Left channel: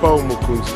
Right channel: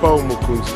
Pao Mokonzi.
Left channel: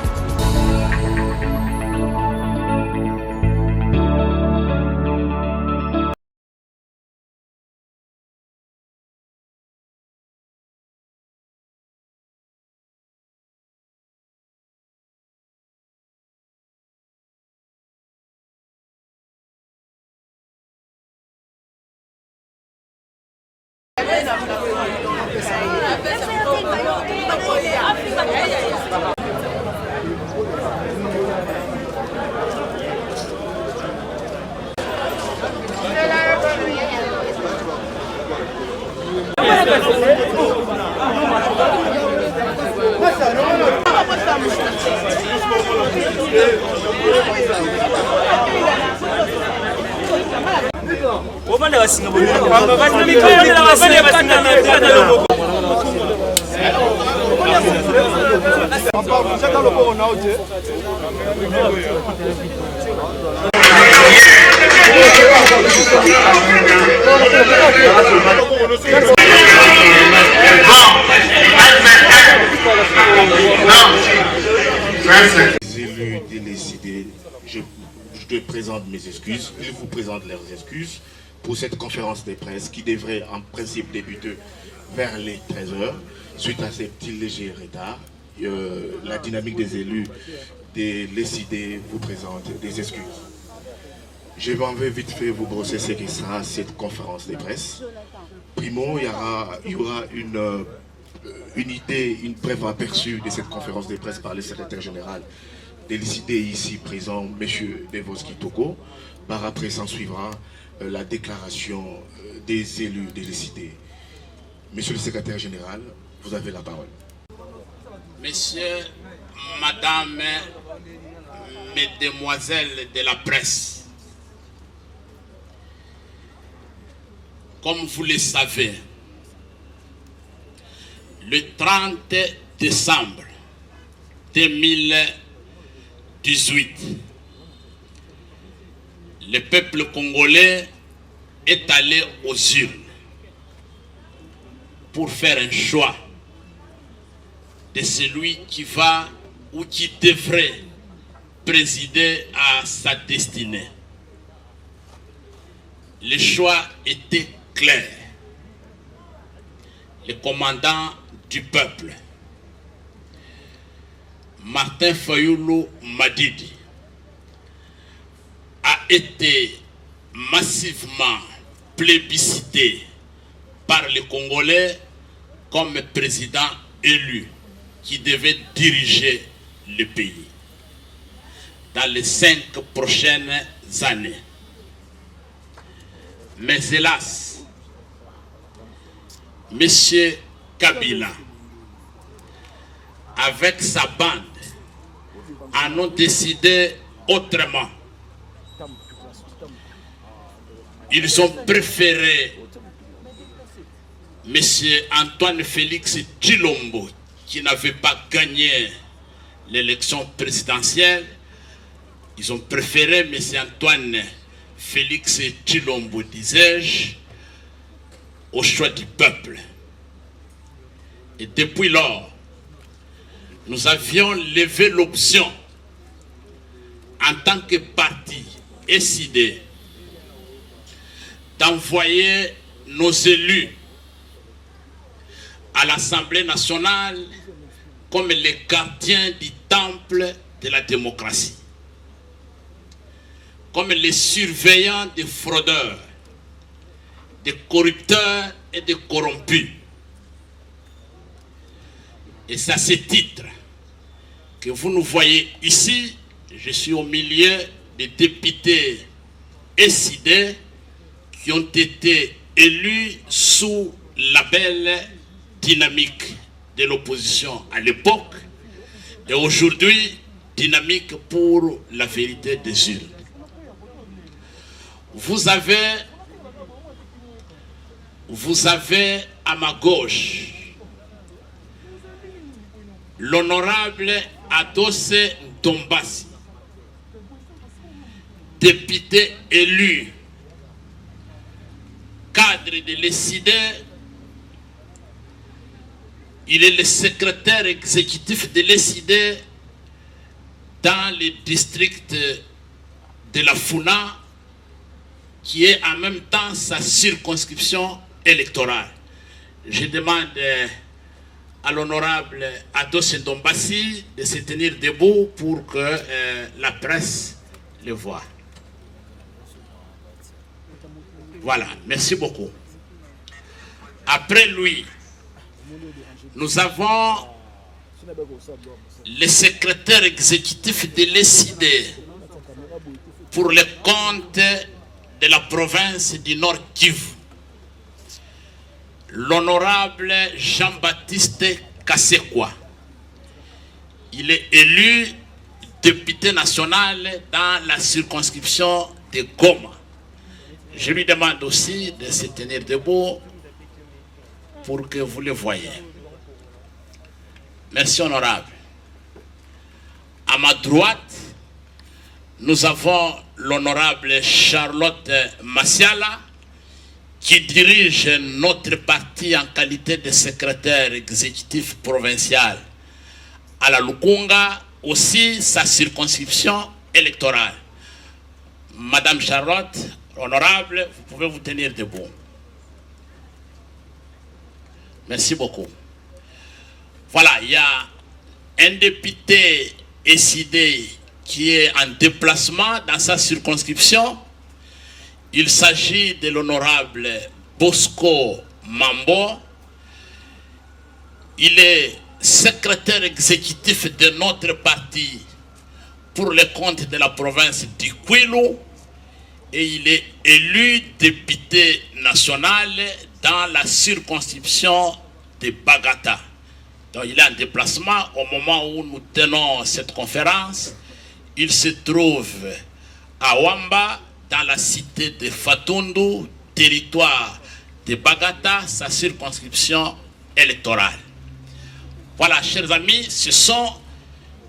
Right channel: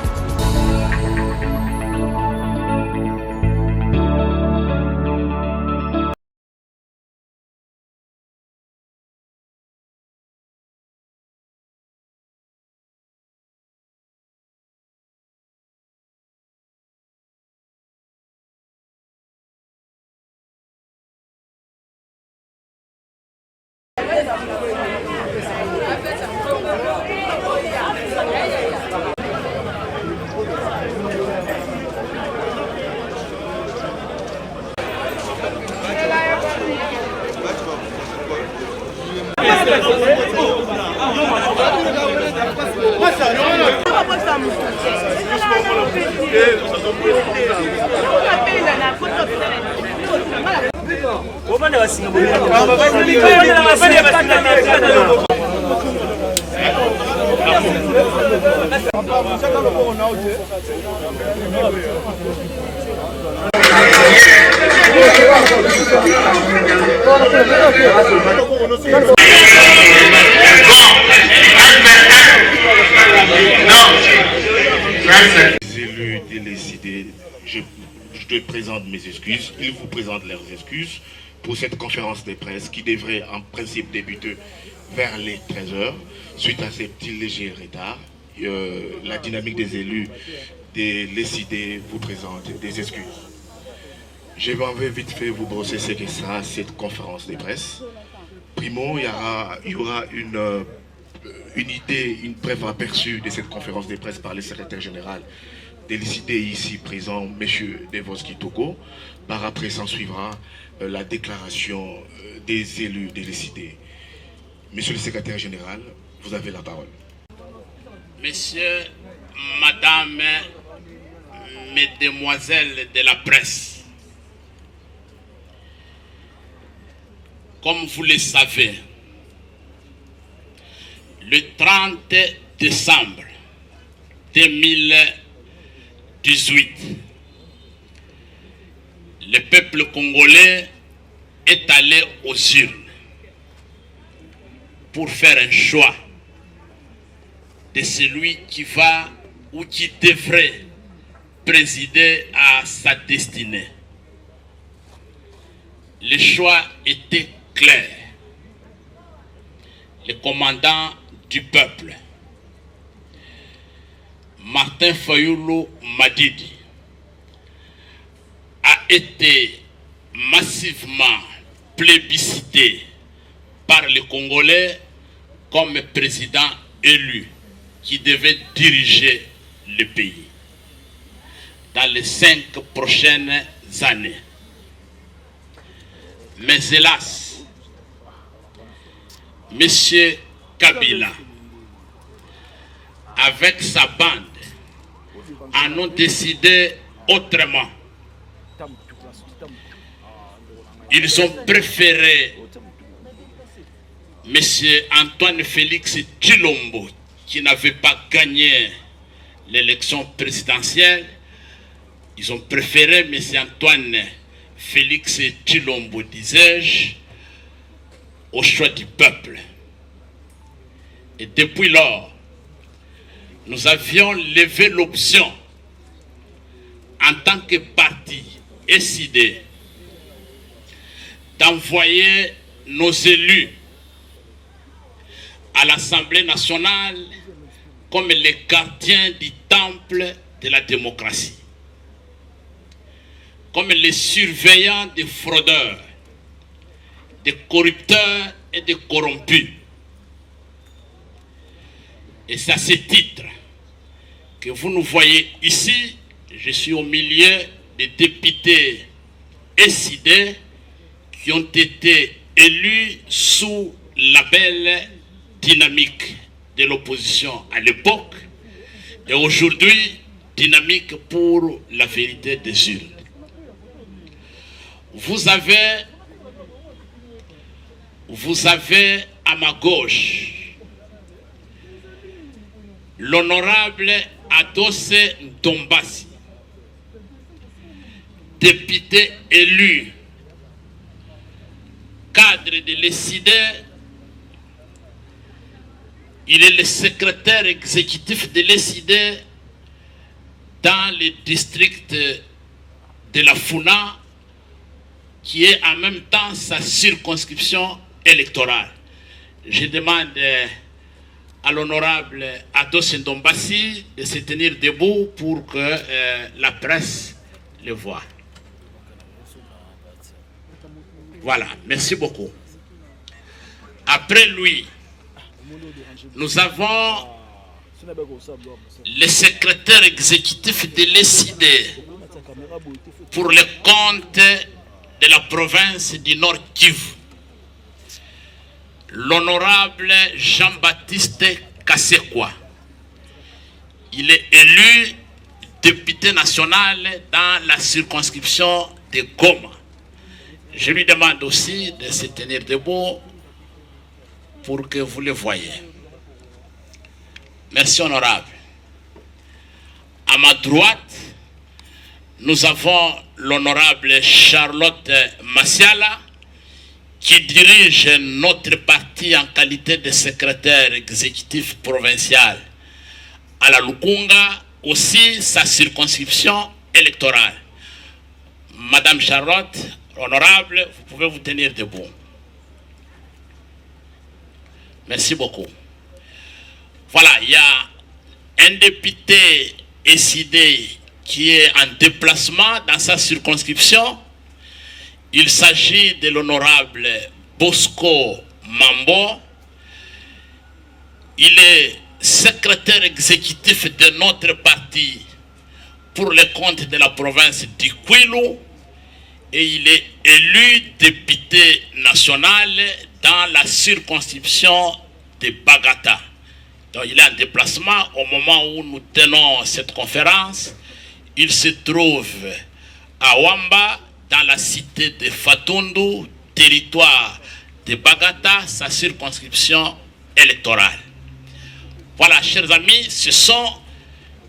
Les élus décidés, je te présente mes excuses, ils vous présentent leurs excuses pour cette conférence de presse qui devrait en principe débuter vers les 13h. Suite à ces petits légers retards, la dynamique des élus décidés vous présente des excuses. Je vais vite fait vous brosser ce que sera cette conférence de presse. Primo, il y aura une idée, une brève aperçu de cette conférence de presse par le secrétaire général décidé ici présent, M. Devoski Togo. Par après, s'en suivra la déclaration des élus décidés. Monsieur le secrétaire général, vous avez la parole. Messieurs, Madame, Mesdemoiselles de la presse, comme vous le savez, le 30 décembre 2018, le peuple congolais est allé aux urnes pour faire un choix de celui qui va ou qui devrait présider à sa destinée. Le choix était clair. Le commandant du peuple, Martin Fayoulou Madidi, a été massivement plébiscité par les Congolais comme président élu qui devait diriger le pays dans les 5 prochaines années. Mais hélas, M. Kabila, avec sa bande, en ont décidé autrement. Ils ont préféré M. Antoine Félix Tshilombo, qui n'avait pas gagné l'élection présidentielle. Ils ont préféré M. Antoine Félix Tshilombo, disais-je, au choix du peuple. Et depuis lors, nous avions levé l'option en tant que parti SID d'envoyer nos élus à l'Assemblée nationale comme les gardiens du temple de la démocratie, comme les surveillants des fraudeurs, des corrupteurs et des corrompus. Et c'est à ce titre que vous nous voyez ici. Je suis au milieu des députés SID qui ont été élus sous la belle dynamique de l'opposition à l'époque et aujourd'hui dynamique pour la vérité des urnes. Vous avez à ma gauche l'honorable Adosé Ntombasi, député élu, cadre de l'ESID Il est le secrétaire exécutif de l'ESID dans le district de la Funa, qui est en même temps sa circonscription électorale. Je demande à l'honorable Ados Ndombassi de se tenir debout pour que la presse le voie. Voilà, merci beaucoup. Après lui, nous avons le secrétaire exécutif de l'ESID pour les comptes de la province du Nord Kivu, l'honorable Jean-Baptiste Kassekwa. Il est élu député national dans la circonscription de Goma. Je lui demande aussi de se tenir debout pour que vous le voyez. Merci, honorable. À ma droite, nous avons l'honorable Charlotte Massiala, qui dirige notre parti en qualité de secrétaire exécutif provincial à la Lukunga, aussi sa circonscription électorale. Madame Charlotte, honorable, vous pouvez vous tenir debout. Merci beaucoup. Voilà, il y a un député SID qui est en déplacement dans sa circonscription. Il s'agit de l'honorable Bosco Mambo. Il est secrétaire exécutif de notre parti pour les comptes de la province du Kwilu et il est élu député national dans la circonscription de Bagata. Donc il est en déplacement au moment où nous tenons cette conférence. Il se trouve à Wamba, dans la cité de Fatundu, territoire de Bagata, sa circonscription électorale. Voilà, chers amis, ce sont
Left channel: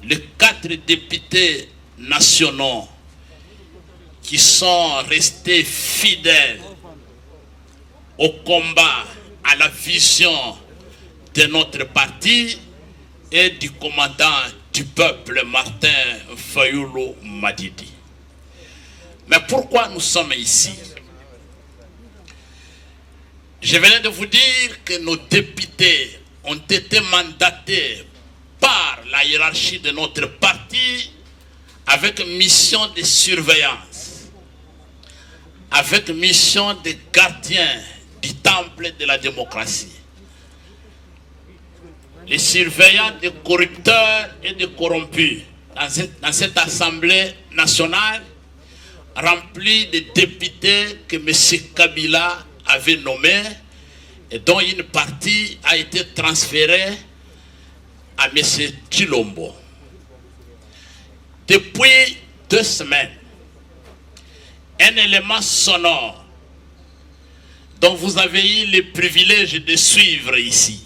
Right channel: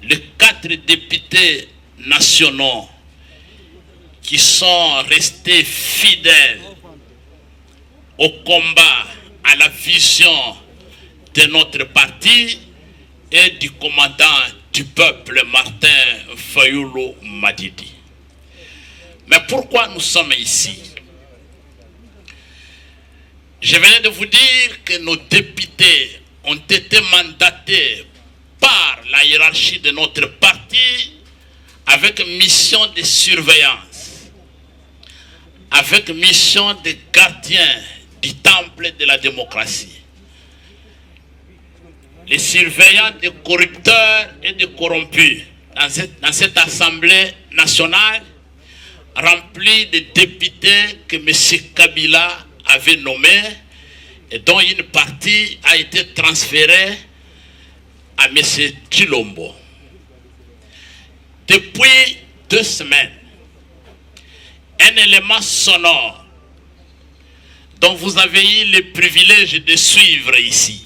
les 4 députés nationaux qui sont restés fidèles au combat, à la vision de notre parti et du commandant du peuple Martin Fayulu Madidi. Mais pourquoi nous sommes ici? Je venais de vous dire que nos députés ont été mandatés par la hiérarchie de notre parti avec mission de surveillance, avec mission de gardien du temple de la démocratie. Les surveillants des corrupteurs et des corrompus dans cette assemblée nationale remplie de députés que M. Kabila avait nommés et dont une partie a été transférée à M. Chilombo. Depuis 2 semaines, un élément sonore dont vous avez eu le privilège de suivre ici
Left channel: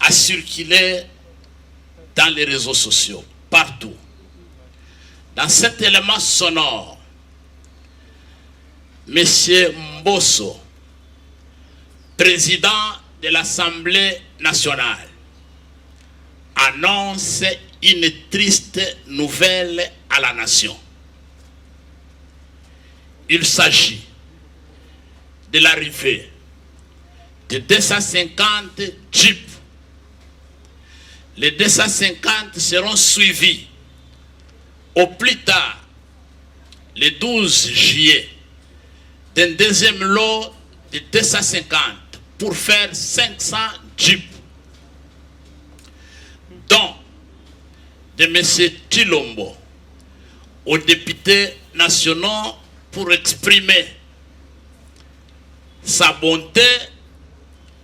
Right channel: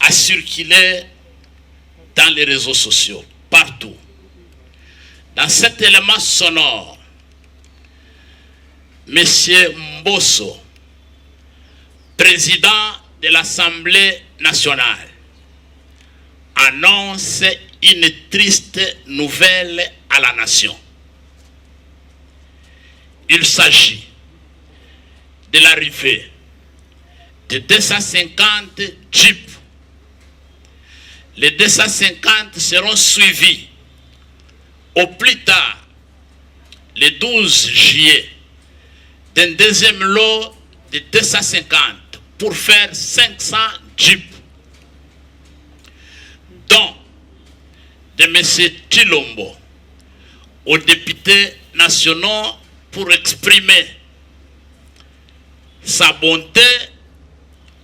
a circulé dans les réseaux sociaux, partout. Dans cet élément sonore, M. Mbosso, président de l'Assemblée nationale, annonce une triste nouvelle à la nation. Il s'agit de l'arrivée de 250 jeeps. Les 250 seront suivis au plus tard, le 12 juillet, d'un deuxième lot de 250 pour faire 500 jeeps, dont de M. Chilombo aux députés nationaux pour exprimer sa bonté.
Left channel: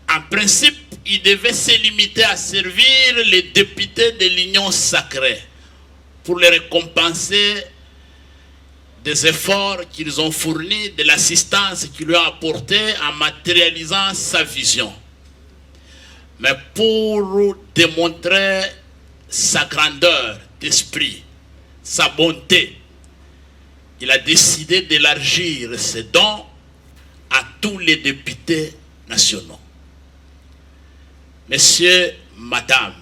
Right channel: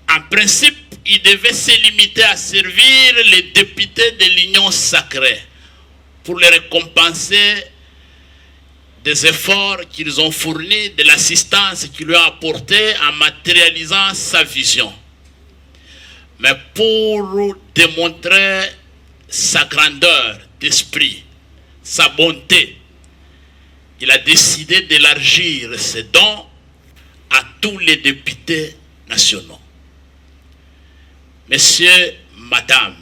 En principe, il devait se limiter à servir les députés de l'Union sacrée pour les récompenser des efforts qu'ils ont fournis, de l'assistance qu'ils lui ont apportée en matérialisant sa vision. Mais pour démontrer sa grandeur d'esprit, sa bonté, il a décidé d'élargir ses dons à tous les députés nationaux. messieurs, madame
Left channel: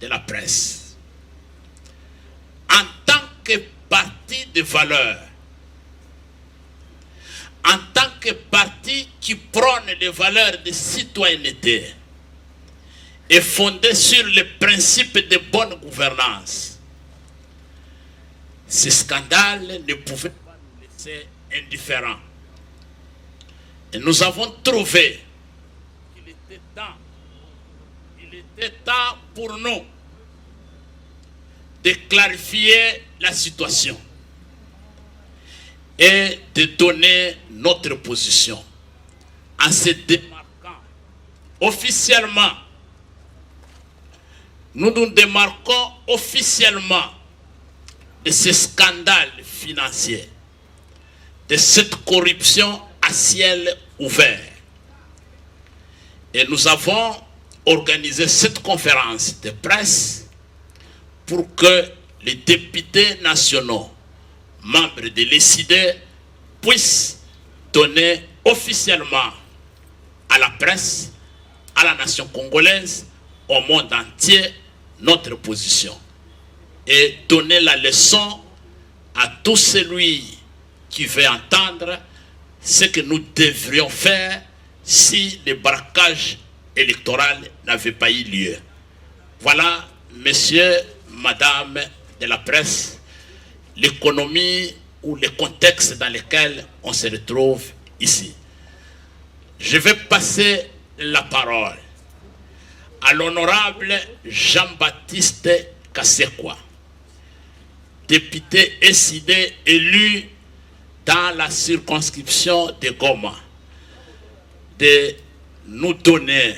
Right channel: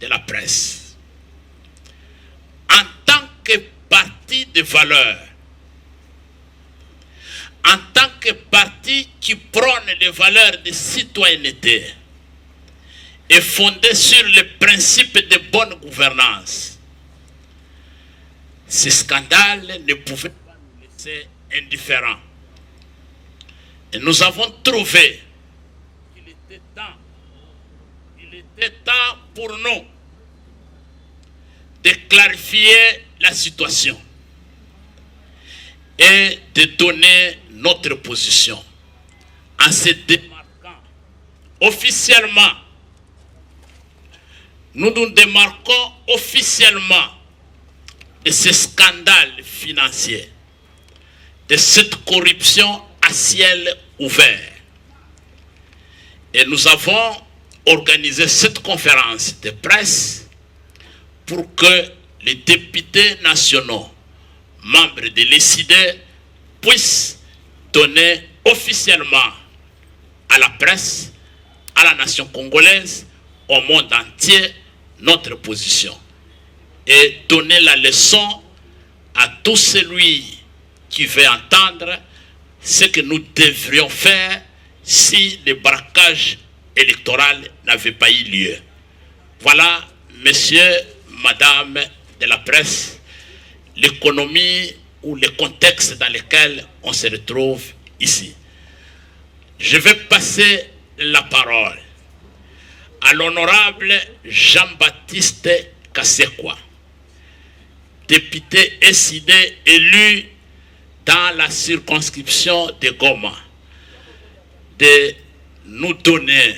de la presse, en tant que parti de valeurs, en tant que parti qui prône les valeurs de citoyenneté et fondé sur les principes de bonne gouvernance, ce scandale ne pouvait pas nous laisser indifférents. Et nous avons trouvé qu'il était temps pour nous de clarifier la situation et de donner notre position en se démarquant officiellement. Nous nous démarquons officiellement de ce scandale financier, de cette corruption à ciel ouvert. Et nous avons organisé cette conférence de presse pour que les députés nationaux, membres de l'ESID, puissent donner officiellement à la presse, à la nation congolaise, au monde entier, notre position. Et donner la leçon à tout celui qui veut entendre ce que nous devrions faire si le braquage électoral n'avait pas eu lieu. Voilà, messieurs, madame de la presse, l'économie ou le contexte dans lequel on se retrouve ici. Je vais passer la parole à l'honorable Jean-Baptiste Kasekwa, député SID élu dans la circonscription de Goma, de nous donner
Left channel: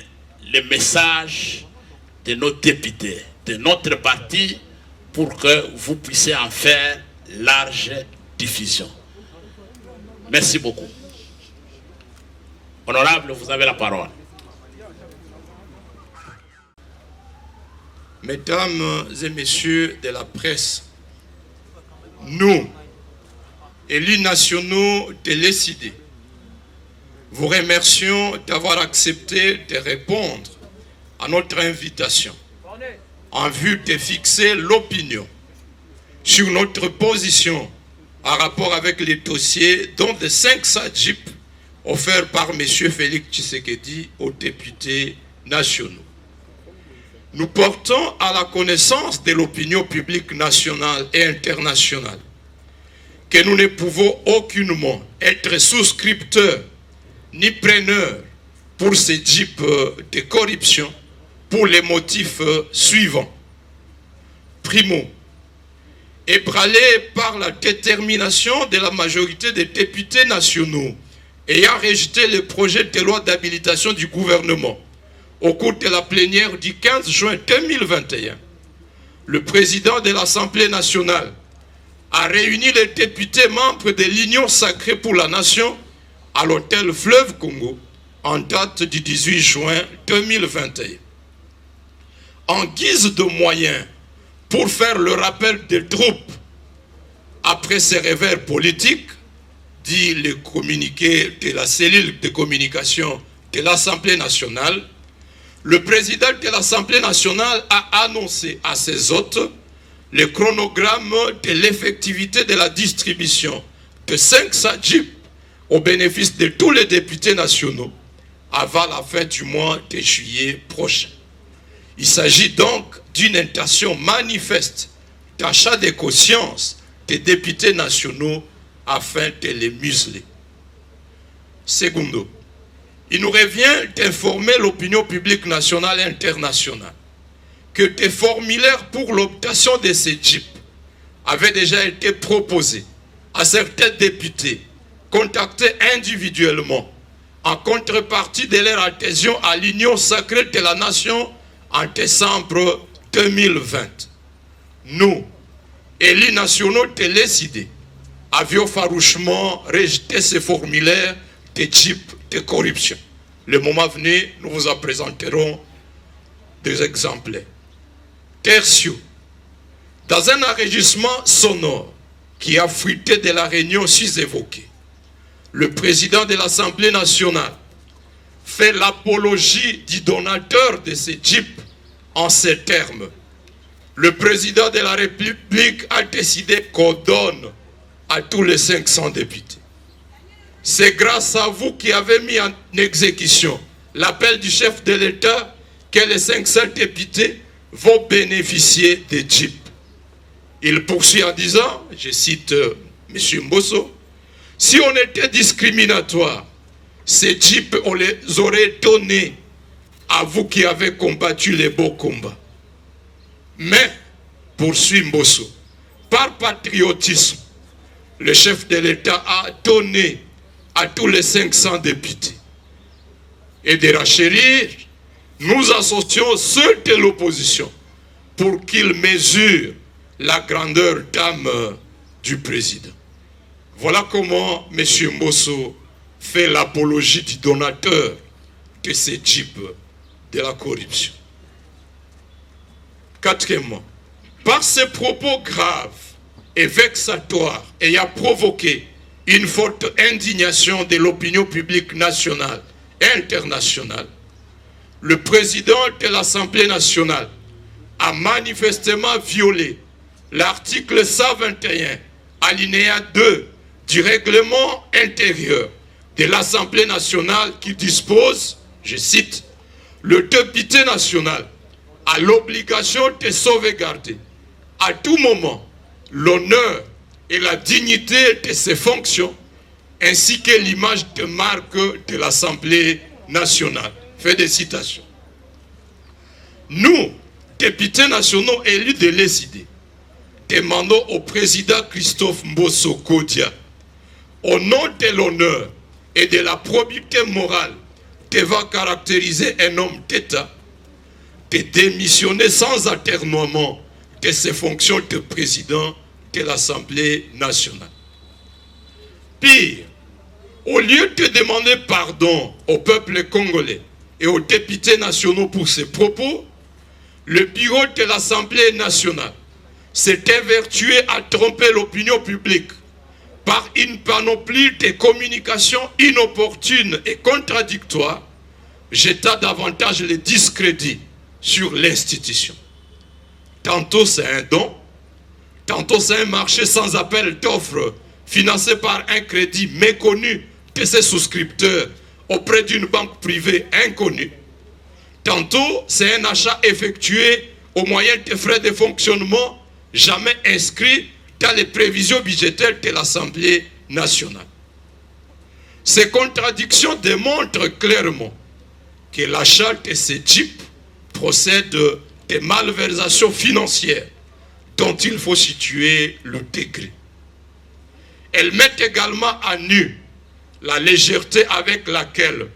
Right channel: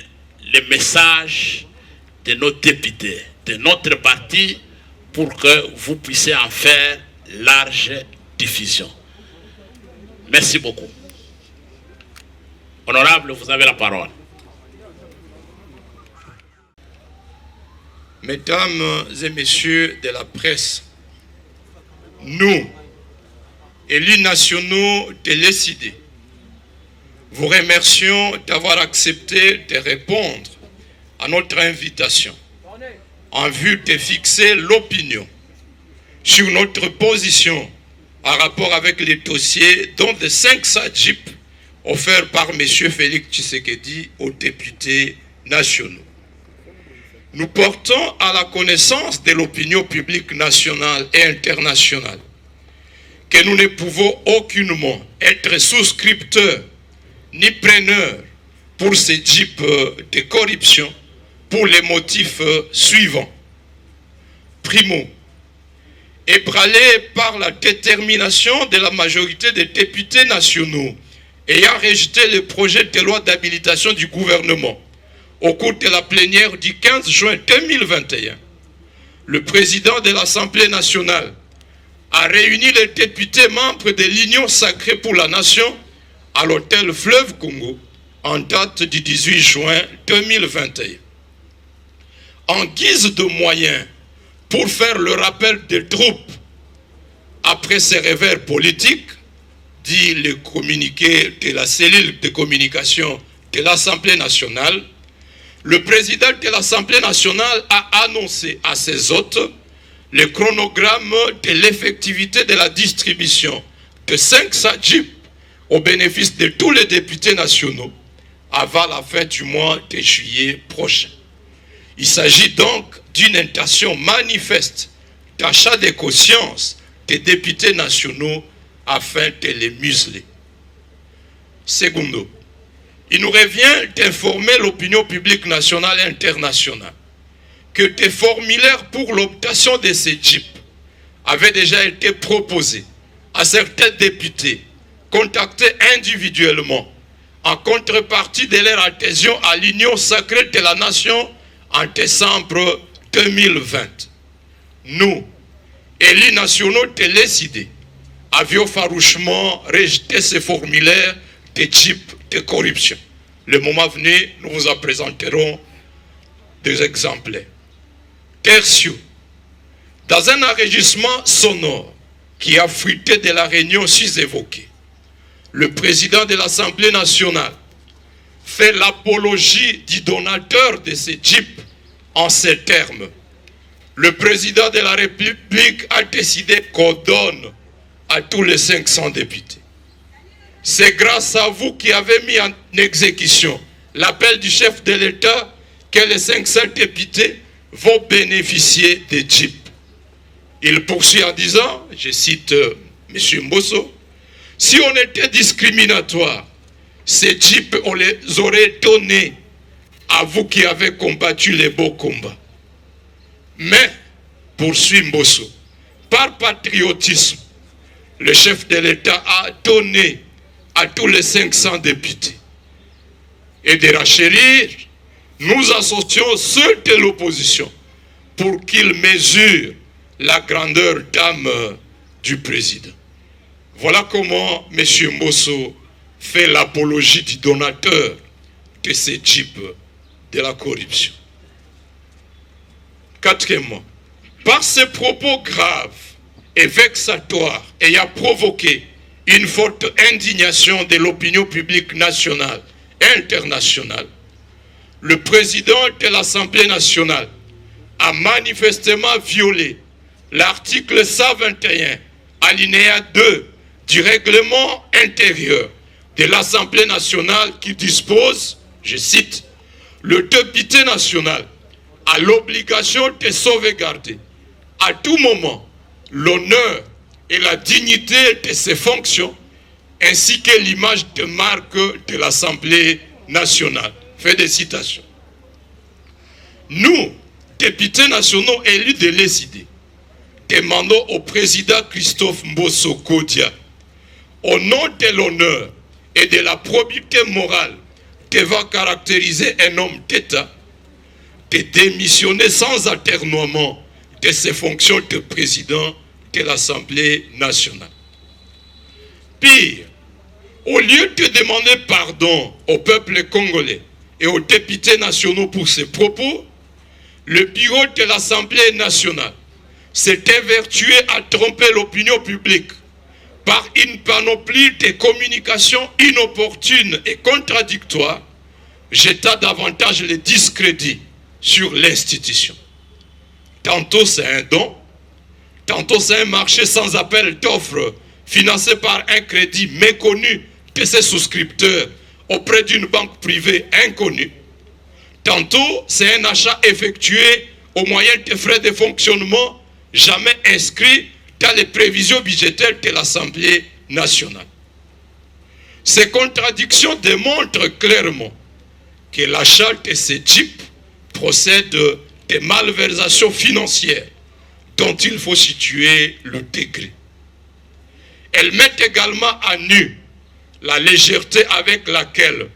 le message de nos députés, de notre parti, pour que vous puissiez en faire large diffusion. Merci beaucoup. Honorable, vous avez la parole. Mesdames et messieurs de la presse, nous, élus nationaux de l'ESID, vous remercions d'avoir accepté de répondre à notre invitation en vue de fixer l'opinion sur notre position en rapport avec les dossiers dont de 5 SADJIP offerts par M. Félix Tshisekedi aux députés nationaux. Nous portons à la connaissance de l'opinion publique nationale et internationale que nous ne pouvons aucunement être souscripteurs ni preneurs pour ces types de corruption pour les motifs suivants. Primo, ébranlé par la détermination de la majorité des députés nationaux ayant rejeté le projet de loi d'habilitation du gouvernement au cours de la plénière du 15 juin 2021, le président de l'Assemblée nationale a réuni les députés membres de l'Union sacrée pour la nation à l'hôtel Fleuve Congo en date du 18 juin 2021. En guise de moyens pour faire le rappel des troupes après ces revers politiques, dit le communiqué de la cellule de communication de l'Assemblée nationale, le président de l'Assemblée nationale a annoncé à ses hôtes le chronogramme de l'effectivité de la distribution de 5 SADJIP au bénéfice de tous les députés nationaux avant la fin du mois de juillet prochain. Il s'agit donc d'une intention manifeste d'achat de conscience des députés nationaux afin de les museler. Secondo, il nous revient d'informer l'opinion publique nationale et internationale que des formulaires pour l'obtention de ces JIP avaient déjà été proposés à certains députés contactés individuellement en contrepartie de leur adhésion à l'Union sacrée de la nation en décembre 2020. Nous, élus nationaux de l'ESID, avions farouchement rejeté ces formulaires de type de corruption. Le moment venu, nous vous en présenterons des exemplaires. Tertio, dans un enregistrement sonore qui a fuité de la réunion sus-évoquée, le président de l'Assemblée nationale fait l'apologie du donateur de ces jeeps en ces termes. Le président de la République a décidé qu'on donne à tous les 500 députés. C'est grâce à vous qui avez mis en exécution l'appel du chef de l'État que les 500 députés vont bénéficier des jeeps. Il poursuit en disant, je cite M. Mbosso, « Si on était discriminatoire, ces jeeps, on les aurait donnés à vous qui avez combattu les beaux combats. Mais, poursuit Mbosso, par patriotisme, le chef de l'État a donné à tous les 500 députés. Et de rachérir, nous associons ceux de l'opposition pour qu'ils mesurent la grandeur d'âme du président. » Voilà comment M. Mbosso fait l'apologie du donateur de ces jeeps de la corruption. Quatrièmement, par ses propos graves et vexatoires ayant provoqué une forte indignation de l'opinion publique nationale et internationale, le président de l'Assemblée nationale a manifestement violé l'article 121, alinéa 2 du règlement intérieur de l'Assemblée nationale qui dispose, je cite, « Le député national a l'obligation de sauvegarder à tout moment l'honneur et la dignité de ses fonctions ainsi que l'image de marque de l'Assemblée nationale. » Fait des citations. Nous, députés nationaux élus de l'ESID, demandons au président Christophe Mbosso Kodia, au nom de l'honneur et de la probité morale devant caractériser un homme d'État, de démissionner sans atermoiement de ses fonctions de président de l'Assemblée nationale. Pire, au lieu de demander pardon au peuple congolais et aux députés nationaux pour ses propos, le bureau de l'Assemblée nationale s'est évertué à tromper l'opinion publique par une panoplie de communications inopportunes et contradictoires, jetant davantage le discrédit sur l'institution. Tantôt c'est un don, tantôt c'est un marché sans appel d'offres financé par un crédit méconnu de ses souscripteurs auprès d'une banque privée inconnue. Tantôt c'est un achat effectué au moyen de frais de fonctionnement jamais inscrits dans les prévisions budgétaires de l'Assemblée nationale. Ces contradictions démontrent clairement que l'achat de ces jeeps procède de malversations financières dont il faut situer le degré. Elles mettent également à nu la légèreté avec laquelle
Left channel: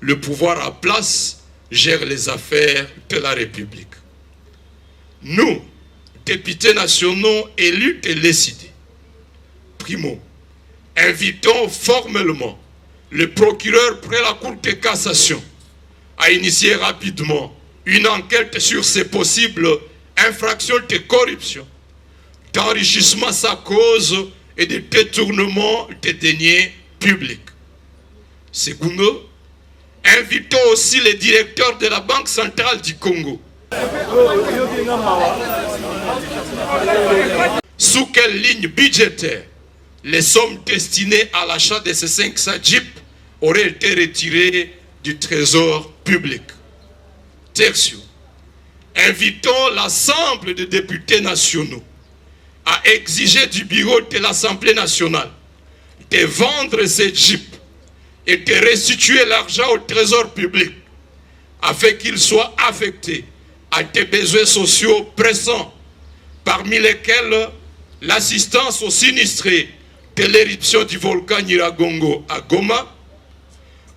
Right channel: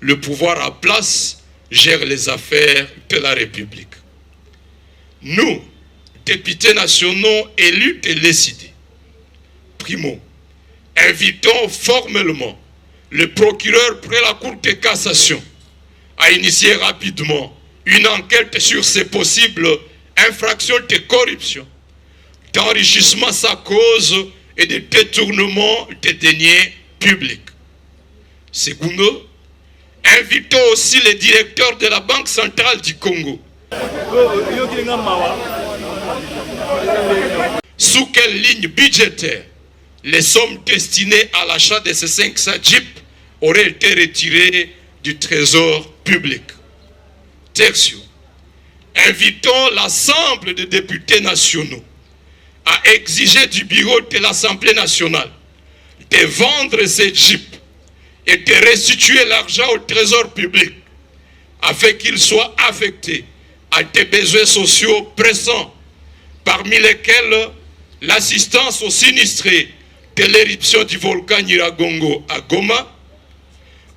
le pouvoir en place gère les affaires de la République. Nous, députés nationaux élus de l'ESID, primo, invitons formellement le procureur près la Cour de cassation à initier rapidement une enquête sur ces possibles infractions de corruption, d'enrichissement sans cause et de détournement des deniers publics. Secondo, invitons aussi les directeurs de la Banque centrale du Congo. Sous quelle ligne budgétaire les sommes destinées à l'achat de ces 500 jeeps auraient été retirées du trésor public? Tertio, invitons l'ensemble des députés nationaux à exiger du bureau de l'Assemblée nationale de vendre ces jeeps et de restituer l'argent au trésor public afin qu'il soit affecté à des besoins sociaux pressants, parmi lesquels l'assistance aux sinistrés de l'éruption du volcan Nyiragongo à Goma,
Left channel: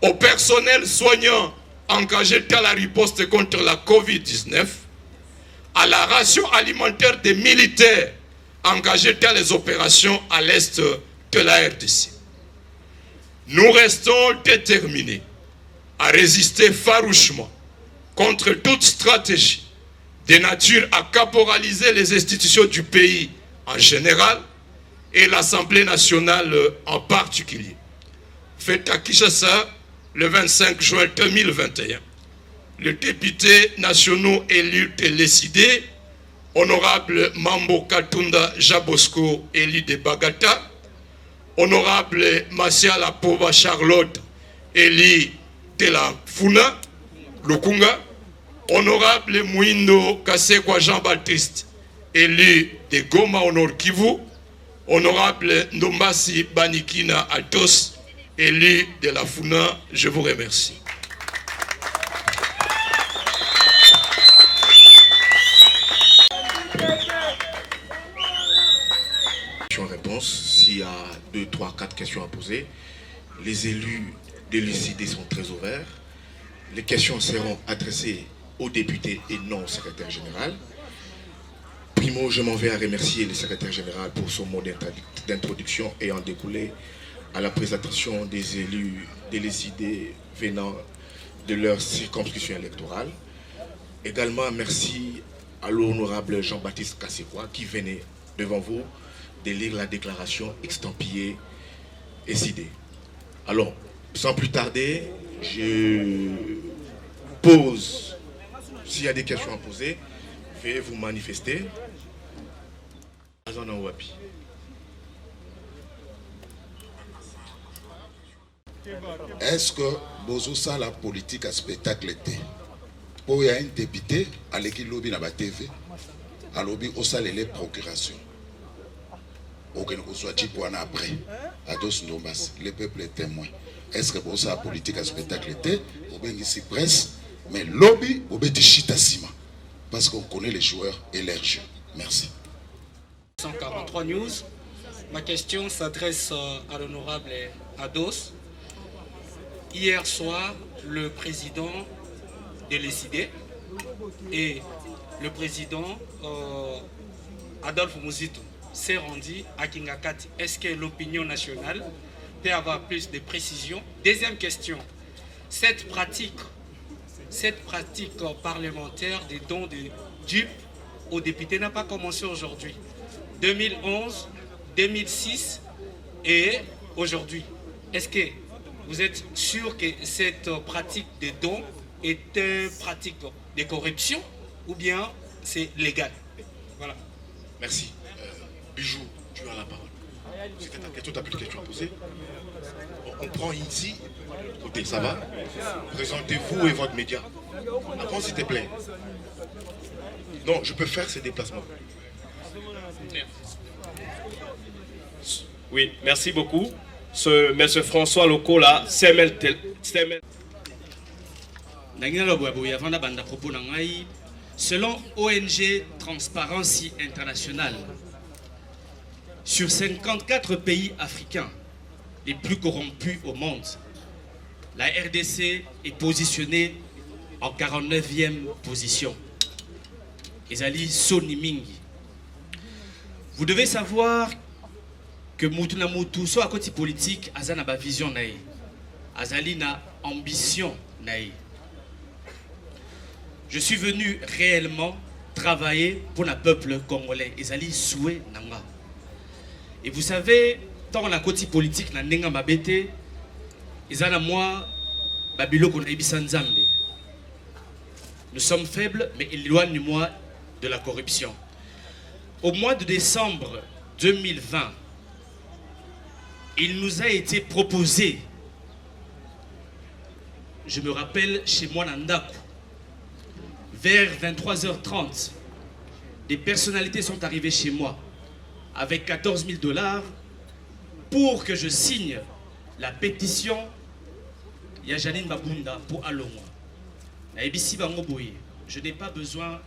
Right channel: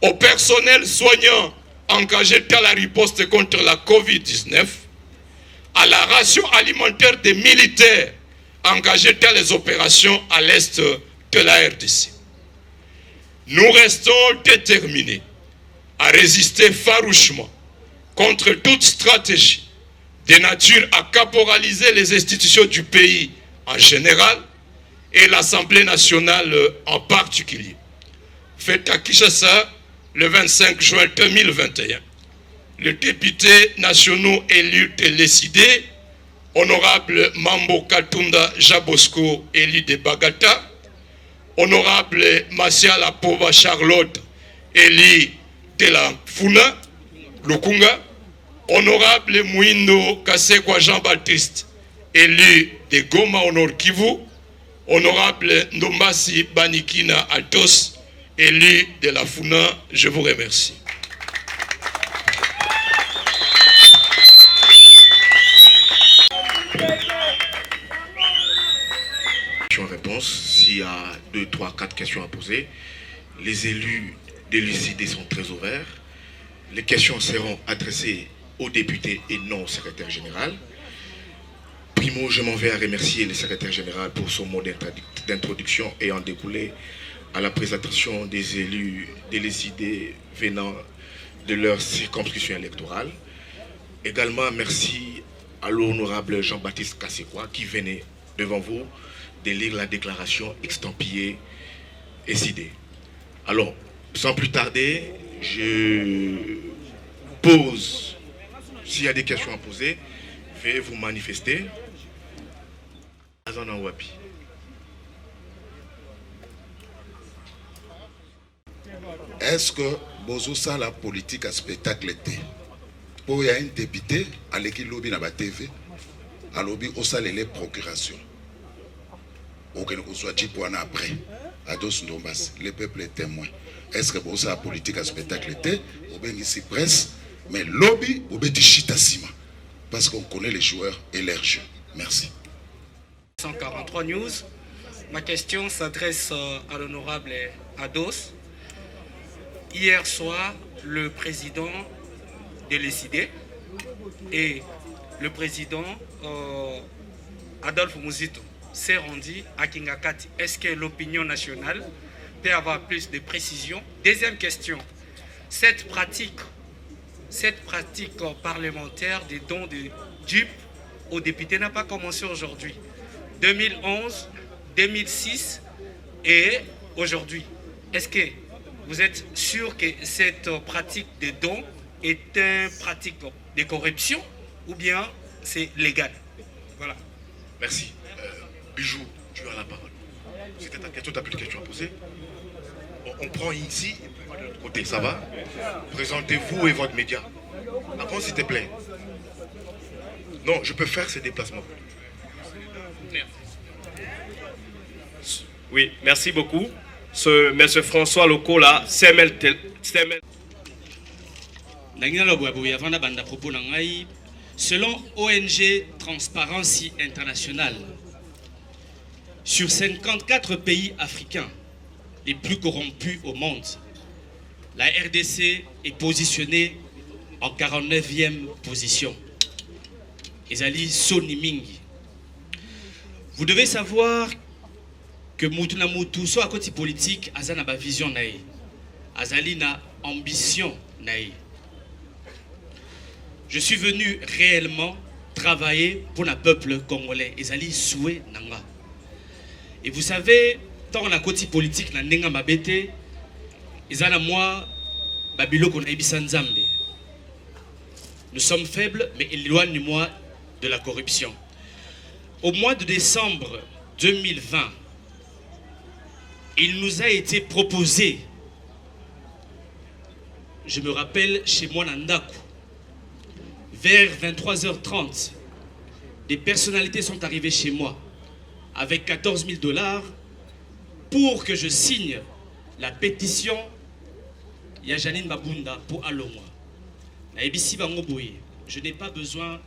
au personnel soignant engagé dans la riposte contre la Covid-19, à la ration alimentaire des militaires engagés dans les opérations à l'est de la RDC. Nous restons déterminés à résister farouchement contre toute stratégie de nature à caporaliser les institutions du pays en général et l'Assemblée nationale en particulier. Fait à Kinshasa, le 25 juin 2021, les députés nationaux élus de l'ECD, honorable Mambo Katunda Jabosco, élu de Bagata, honorable Masiala Pova Charlotte, élu de la Funa, Lukunga, honorable Mouindo Kasekwa Jean-Baptiste, élu de Goma Honor Kivu, honorable Ndombasi Banikina Altos, élu de la Funa, je vous remercie. Réponse, s'il y a 2, 3, 4 questions à poser, les élus de l'UCD sont très ouverts. Les questions seront adressées aux députés et non au secrétaire général. Primo, je m'en vais à remercier le secrétaire général pour son mot d'introduction ayant découlé à la présentation des élus de l'UCD venant de leur circonscription électorale. Également, merci à l'honorable Jean-Baptiste Kasekwa qui venait devant vous de lire la déclaration extampillée ECD. Alors, sans plus tarder, je pose, s'il y a des questions à poser, veuillez vous manifester. Est-ce que Bozo ça la politique à spectacle était? Pour y a un député à l'équipe lobby na ba TV, à lobby au salle les procurations. Aucun que soit type pour après. À dos Ndombas, le peuple est témoin. Est-ce que Bozo la politique à spectacle était? Ou bien ici presse, mais lobby ou bien du chitasima. Parce qu'on connaît les joueurs et leurs jeux. Merci. 143 News. Ma question s'adresse à l'honorable Ados. Hier soir, le président de l'ECD et le président Adolphe Mouzito s'est rendu à Kingakati. Est-ce que l'opinion nationale peut avoir plus de précisions? Deuxième question, cette pratique parlementaire des dons de dupes aux députés n'a pas commencé aujourd'hui. 2011, 2006 et aujourd'hui. Est-ce que vous êtes sûr que cette pratique de dons est une pratique de corruption ou bien c'est légal? Voilà. Merci. Bijou, tu as la parole. C'était ta question, tu n'as plus de questions à poser. On prend ici, de l'autre côté, ça va? Présentez-vous et votre média. Avant, s'il te plaît. Non, je peux faire ces déplacements. Oui, merci beaucoup. Ce M. François Lokola, Semel. Selon ONG Transparency International, sur 54 pays africains les plus corrompus au monde, la RDC est positionnée en 49e position. Ezali Soni Mingi. Vous devez savoir que Moutouna Moutou, soit à côté politique, Azana ba vision naïe, Azali na ambition naïe. Je suis venu réellement travailler pour le peuple congolais. Ezali souhait nanga. Et vous savez, tant on a côté politique na nenga mabete, Ezana moi babilo kon ebisa nzambe. Nous sommes faibles, mais éloigne-moi de la corruption. Au mois de décembre 2020, il nous a été proposé, je me rappelle chez moi Nandaku, vers 23h30, des personnalités sont arrivées chez moi avec 14 000 $ pour que je signe la pétition Yajanine Babunda pour Alongwa. Je n'ai pas besoin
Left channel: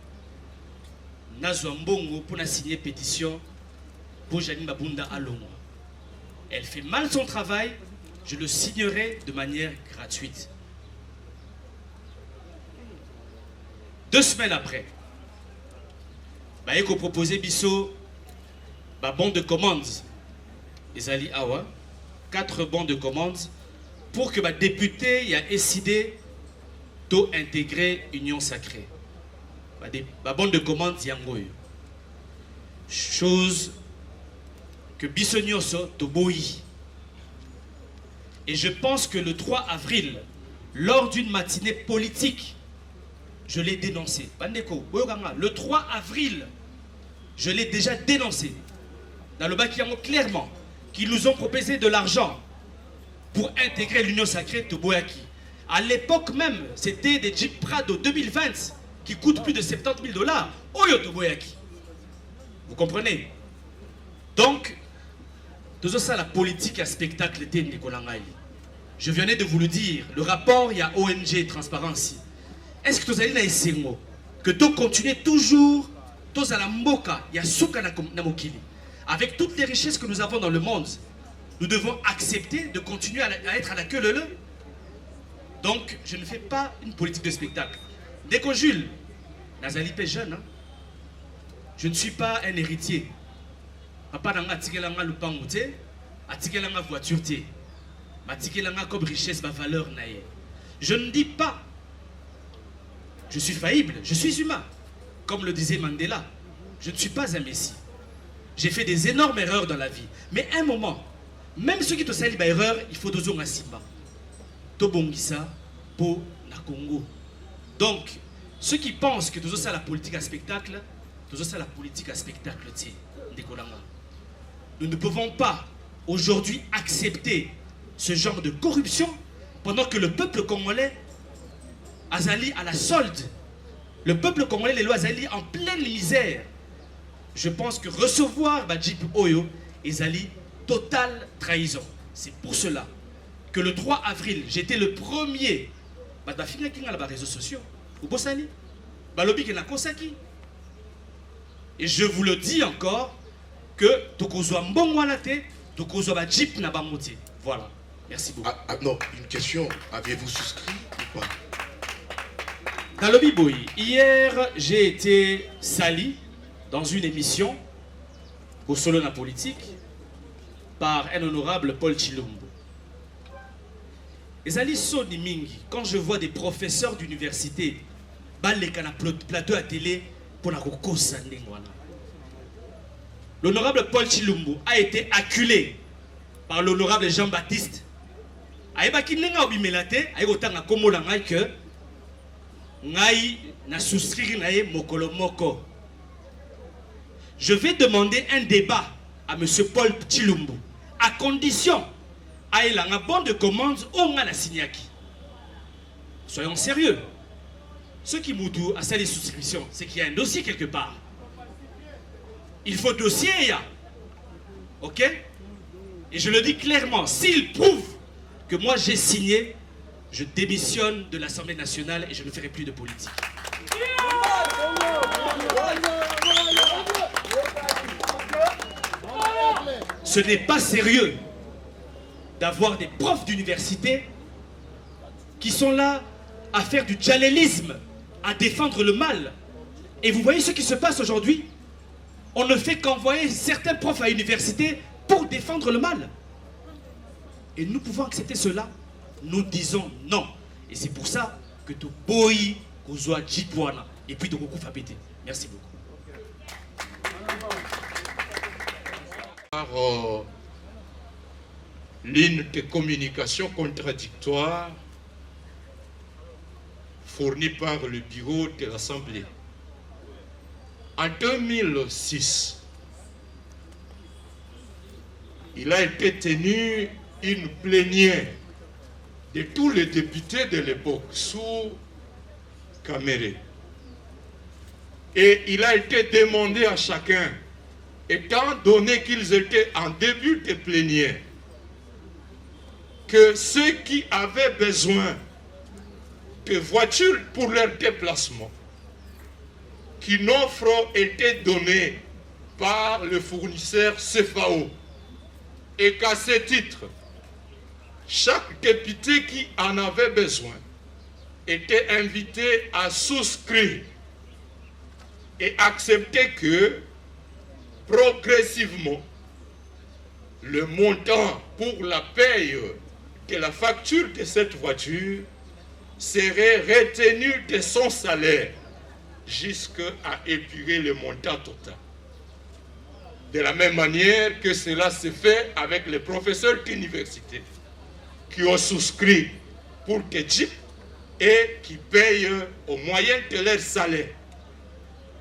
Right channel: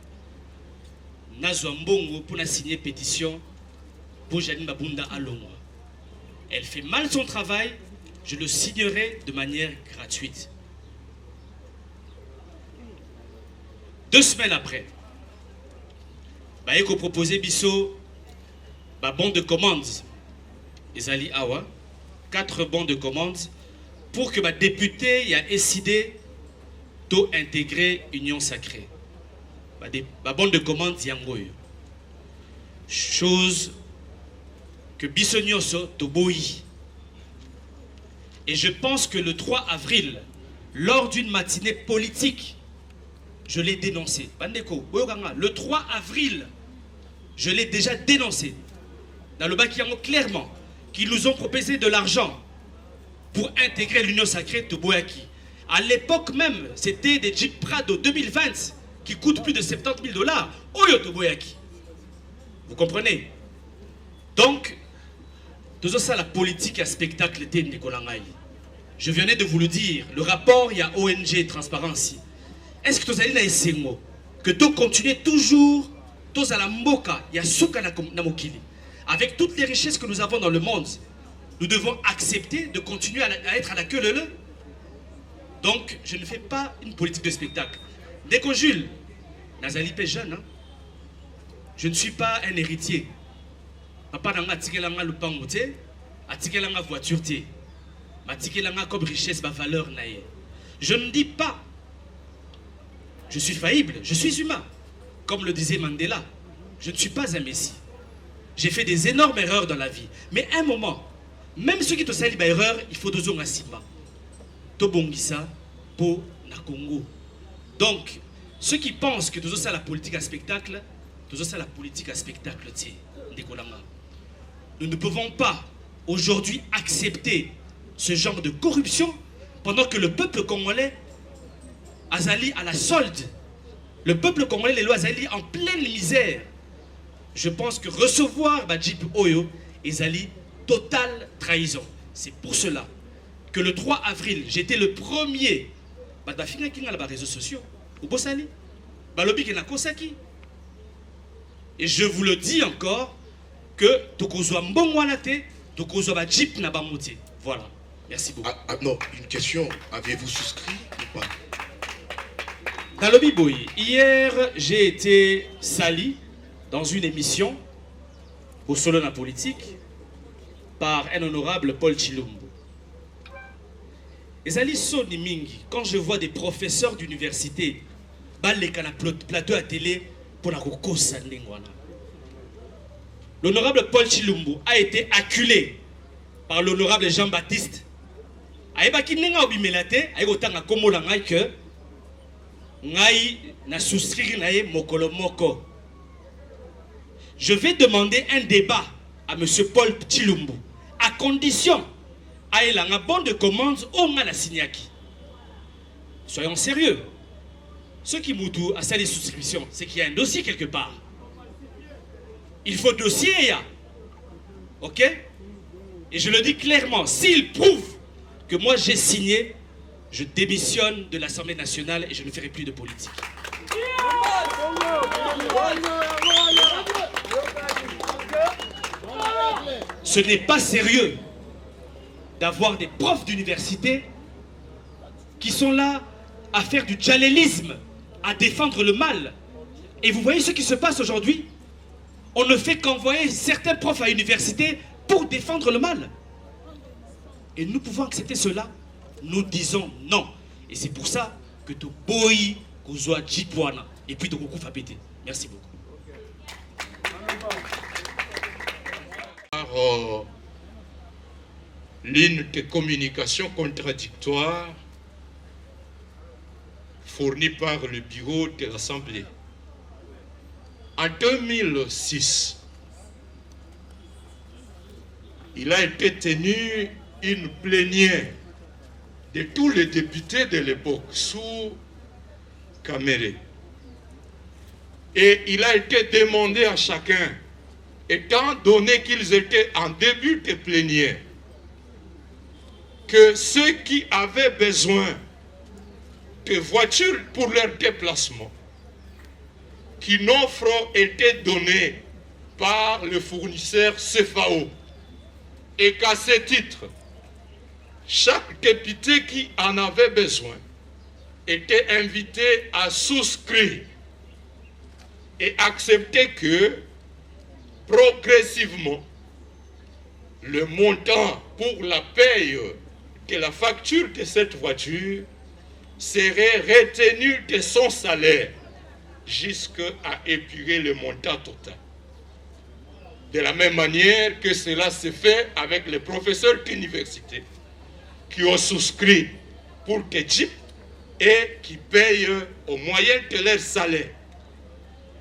Nazwambongo pour signer pétition pour Janine Babunda Alongwa. Elle fait mal son travail, je le signerai de manière gratuite. 2 semaines après, Baeko proposé Bisso bon de commande. Ezali Awa, 4 bons de commande pour que député y a décidé d'intégrer Union Sacrée. Bon de commande Yangoyo. Chose que Bissonioso Toboyi. Et je pense que le 3 avril lors d'une matinée politique, je l'ai dénoncé. Bandeko, le 3 avril, je l'ai déjà dénoncé. Dans le Bakiamo, clairement, qu'ils nous ont proposé de l'argent pour intégrer l'Union sacrée de Boyaki. À l'époque même, c'était des Jeep Prado 2020 qui coûtent plus de 70 000 $. Oyo de Boyaki. Vous comprenez? Donc, tout ça, la politique à spectacle était Nicolangaï. Je venais de vous le dire, le rapport, il y a ONG Transparency. Est-ce que vous allez dans ces mots que tu continues toujours, tous à la moka, il y a souka na mokili. Avec toutes les richesses que nous avons dans le monde, nous devons accepter de continuer à être à la queue leu. Donc, je ne fais pas une politique de spectacle. Dès qu'on Jules, Nazali est jeune, hein? Je ne suis pas un héritier. Papa n'a pas tiré le pan, a tiré la voiture, a tiré la comme richesse, ma valeur. Je ne dis pas, je suis faillible, je suis humain. Comme le disait Mandela, je ne suis pas un messie. J'ai fait des énormes erreurs dans la vie. Mais à un moment, même ceux qui te salissent erreur, il faut deux ans à Simba. Tobongisa pour la Congo. Donc, ceux qui pensent que tout ça la politique à spectacle, tout ça la politique à spectacle, nous ne pouvons pas aujourd'hui accepter ce genre de corruption pendant que le peuple congolais Azali à la solde. Le peuple congolais, les lois Azali en pleine misère. Je pense que recevoir Badjip Oyo est Azali totale trahison. C'est pour cela que le 3 avril, j'étais le premier. Sur les réseaux sociaux. Et je vous le dis encore que Tokozwa Mbongwanate, Tokozwa Badjip Nabamote. Voilà. Merci beaucoup. Non, une question. Avez-vous souscrit ou pas? Dans le Biboui, hier, j'ai été sali dans une émission au Solona Politique par un honorable Paul Chilumbu. Et Zali Soni Mingi, quand je vois des professeurs d'université, balekana plateau à télé pour la Rokosa Ndengwana. L'honorable Paul Chilumbu a été acculé par l'honorable Jean-Baptiste. Aïbaki Nenga Obimelate, Aïbotanga Komolanga que Ngai na souscrire nae mokolo moko. Je vais demander un débat à M. Paul Chilumbu, à condition qu'il ait un bon de commande au la signaki. Soyons sérieux. Ceux qui m'outent à les souscriptions, c'est qu'il y a un dossier quelque part. Il faut dossier, ok? Et je le dis clairement, s'il prouve que moi j'ai signé, je démissionne de l'Assemblée nationale et je ne ferai plus de politique. Ce n'est pas sérieux d'avoir des profs d'université qui sont là à faire du djalelisme, à défendre le mal. Et vous voyez ce qui se passe aujourd'hui? On ne fait qu'envoyer certains profs à l'université pour défendre le mal. Et nous pouvons accepter cela? Nous disons non. Et c'est pour ça que tu bois Kozwa Jitwana et puis de beaucoup Fabete. Merci beaucoup. Ligne de communication contradictoire fournie par le bureau de l'Assemblée. En 2006, il a été tenu une plénière de tous les députés de l'époque sous Kamere. Et il a été demandé à chacun, étant donné qu'ils étaient en début de plénière, que ceux qui avaient besoin de voitures pour leur déplacement, qu'une offre était donnée par le fournisseur CFAO, et qu'à ce titre, chaque député qui en avait besoin était invité à souscrire et accepter que progressivement le montant pour la paye de la facture de cette voiture serait retenu de son salaire jusqu'à épurer le montant total. De la même manière que cela se fait avec les professeurs d'université qui ont souscrit pour que JIP et qui payent au moyen de leur salaire.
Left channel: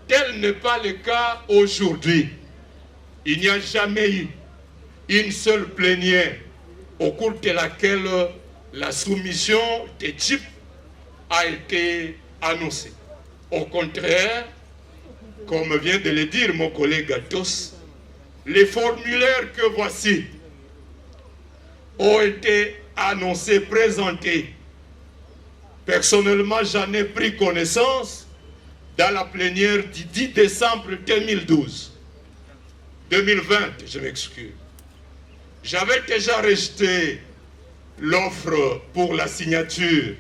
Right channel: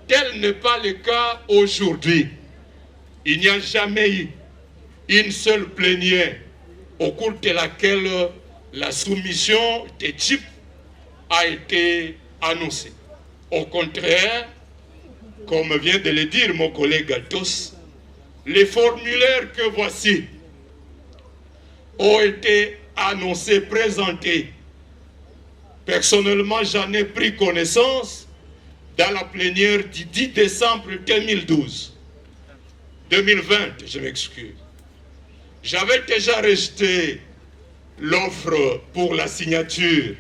Tel n'est pas le cas aujourd'hui. Il n'y a jamais eu une seule plénière au cours de laquelle la soumission des JIP a été annoncée. Au contraire, comme vient de le dire mon collègue Atos, les formulaires que voici ont été annoncés, présentés. Personnellement, j'en ai pris connaissance dans la plénière du 10 décembre 2012. 2020, je m'excuse. J'avais déjà rejeté l'offre pour la signature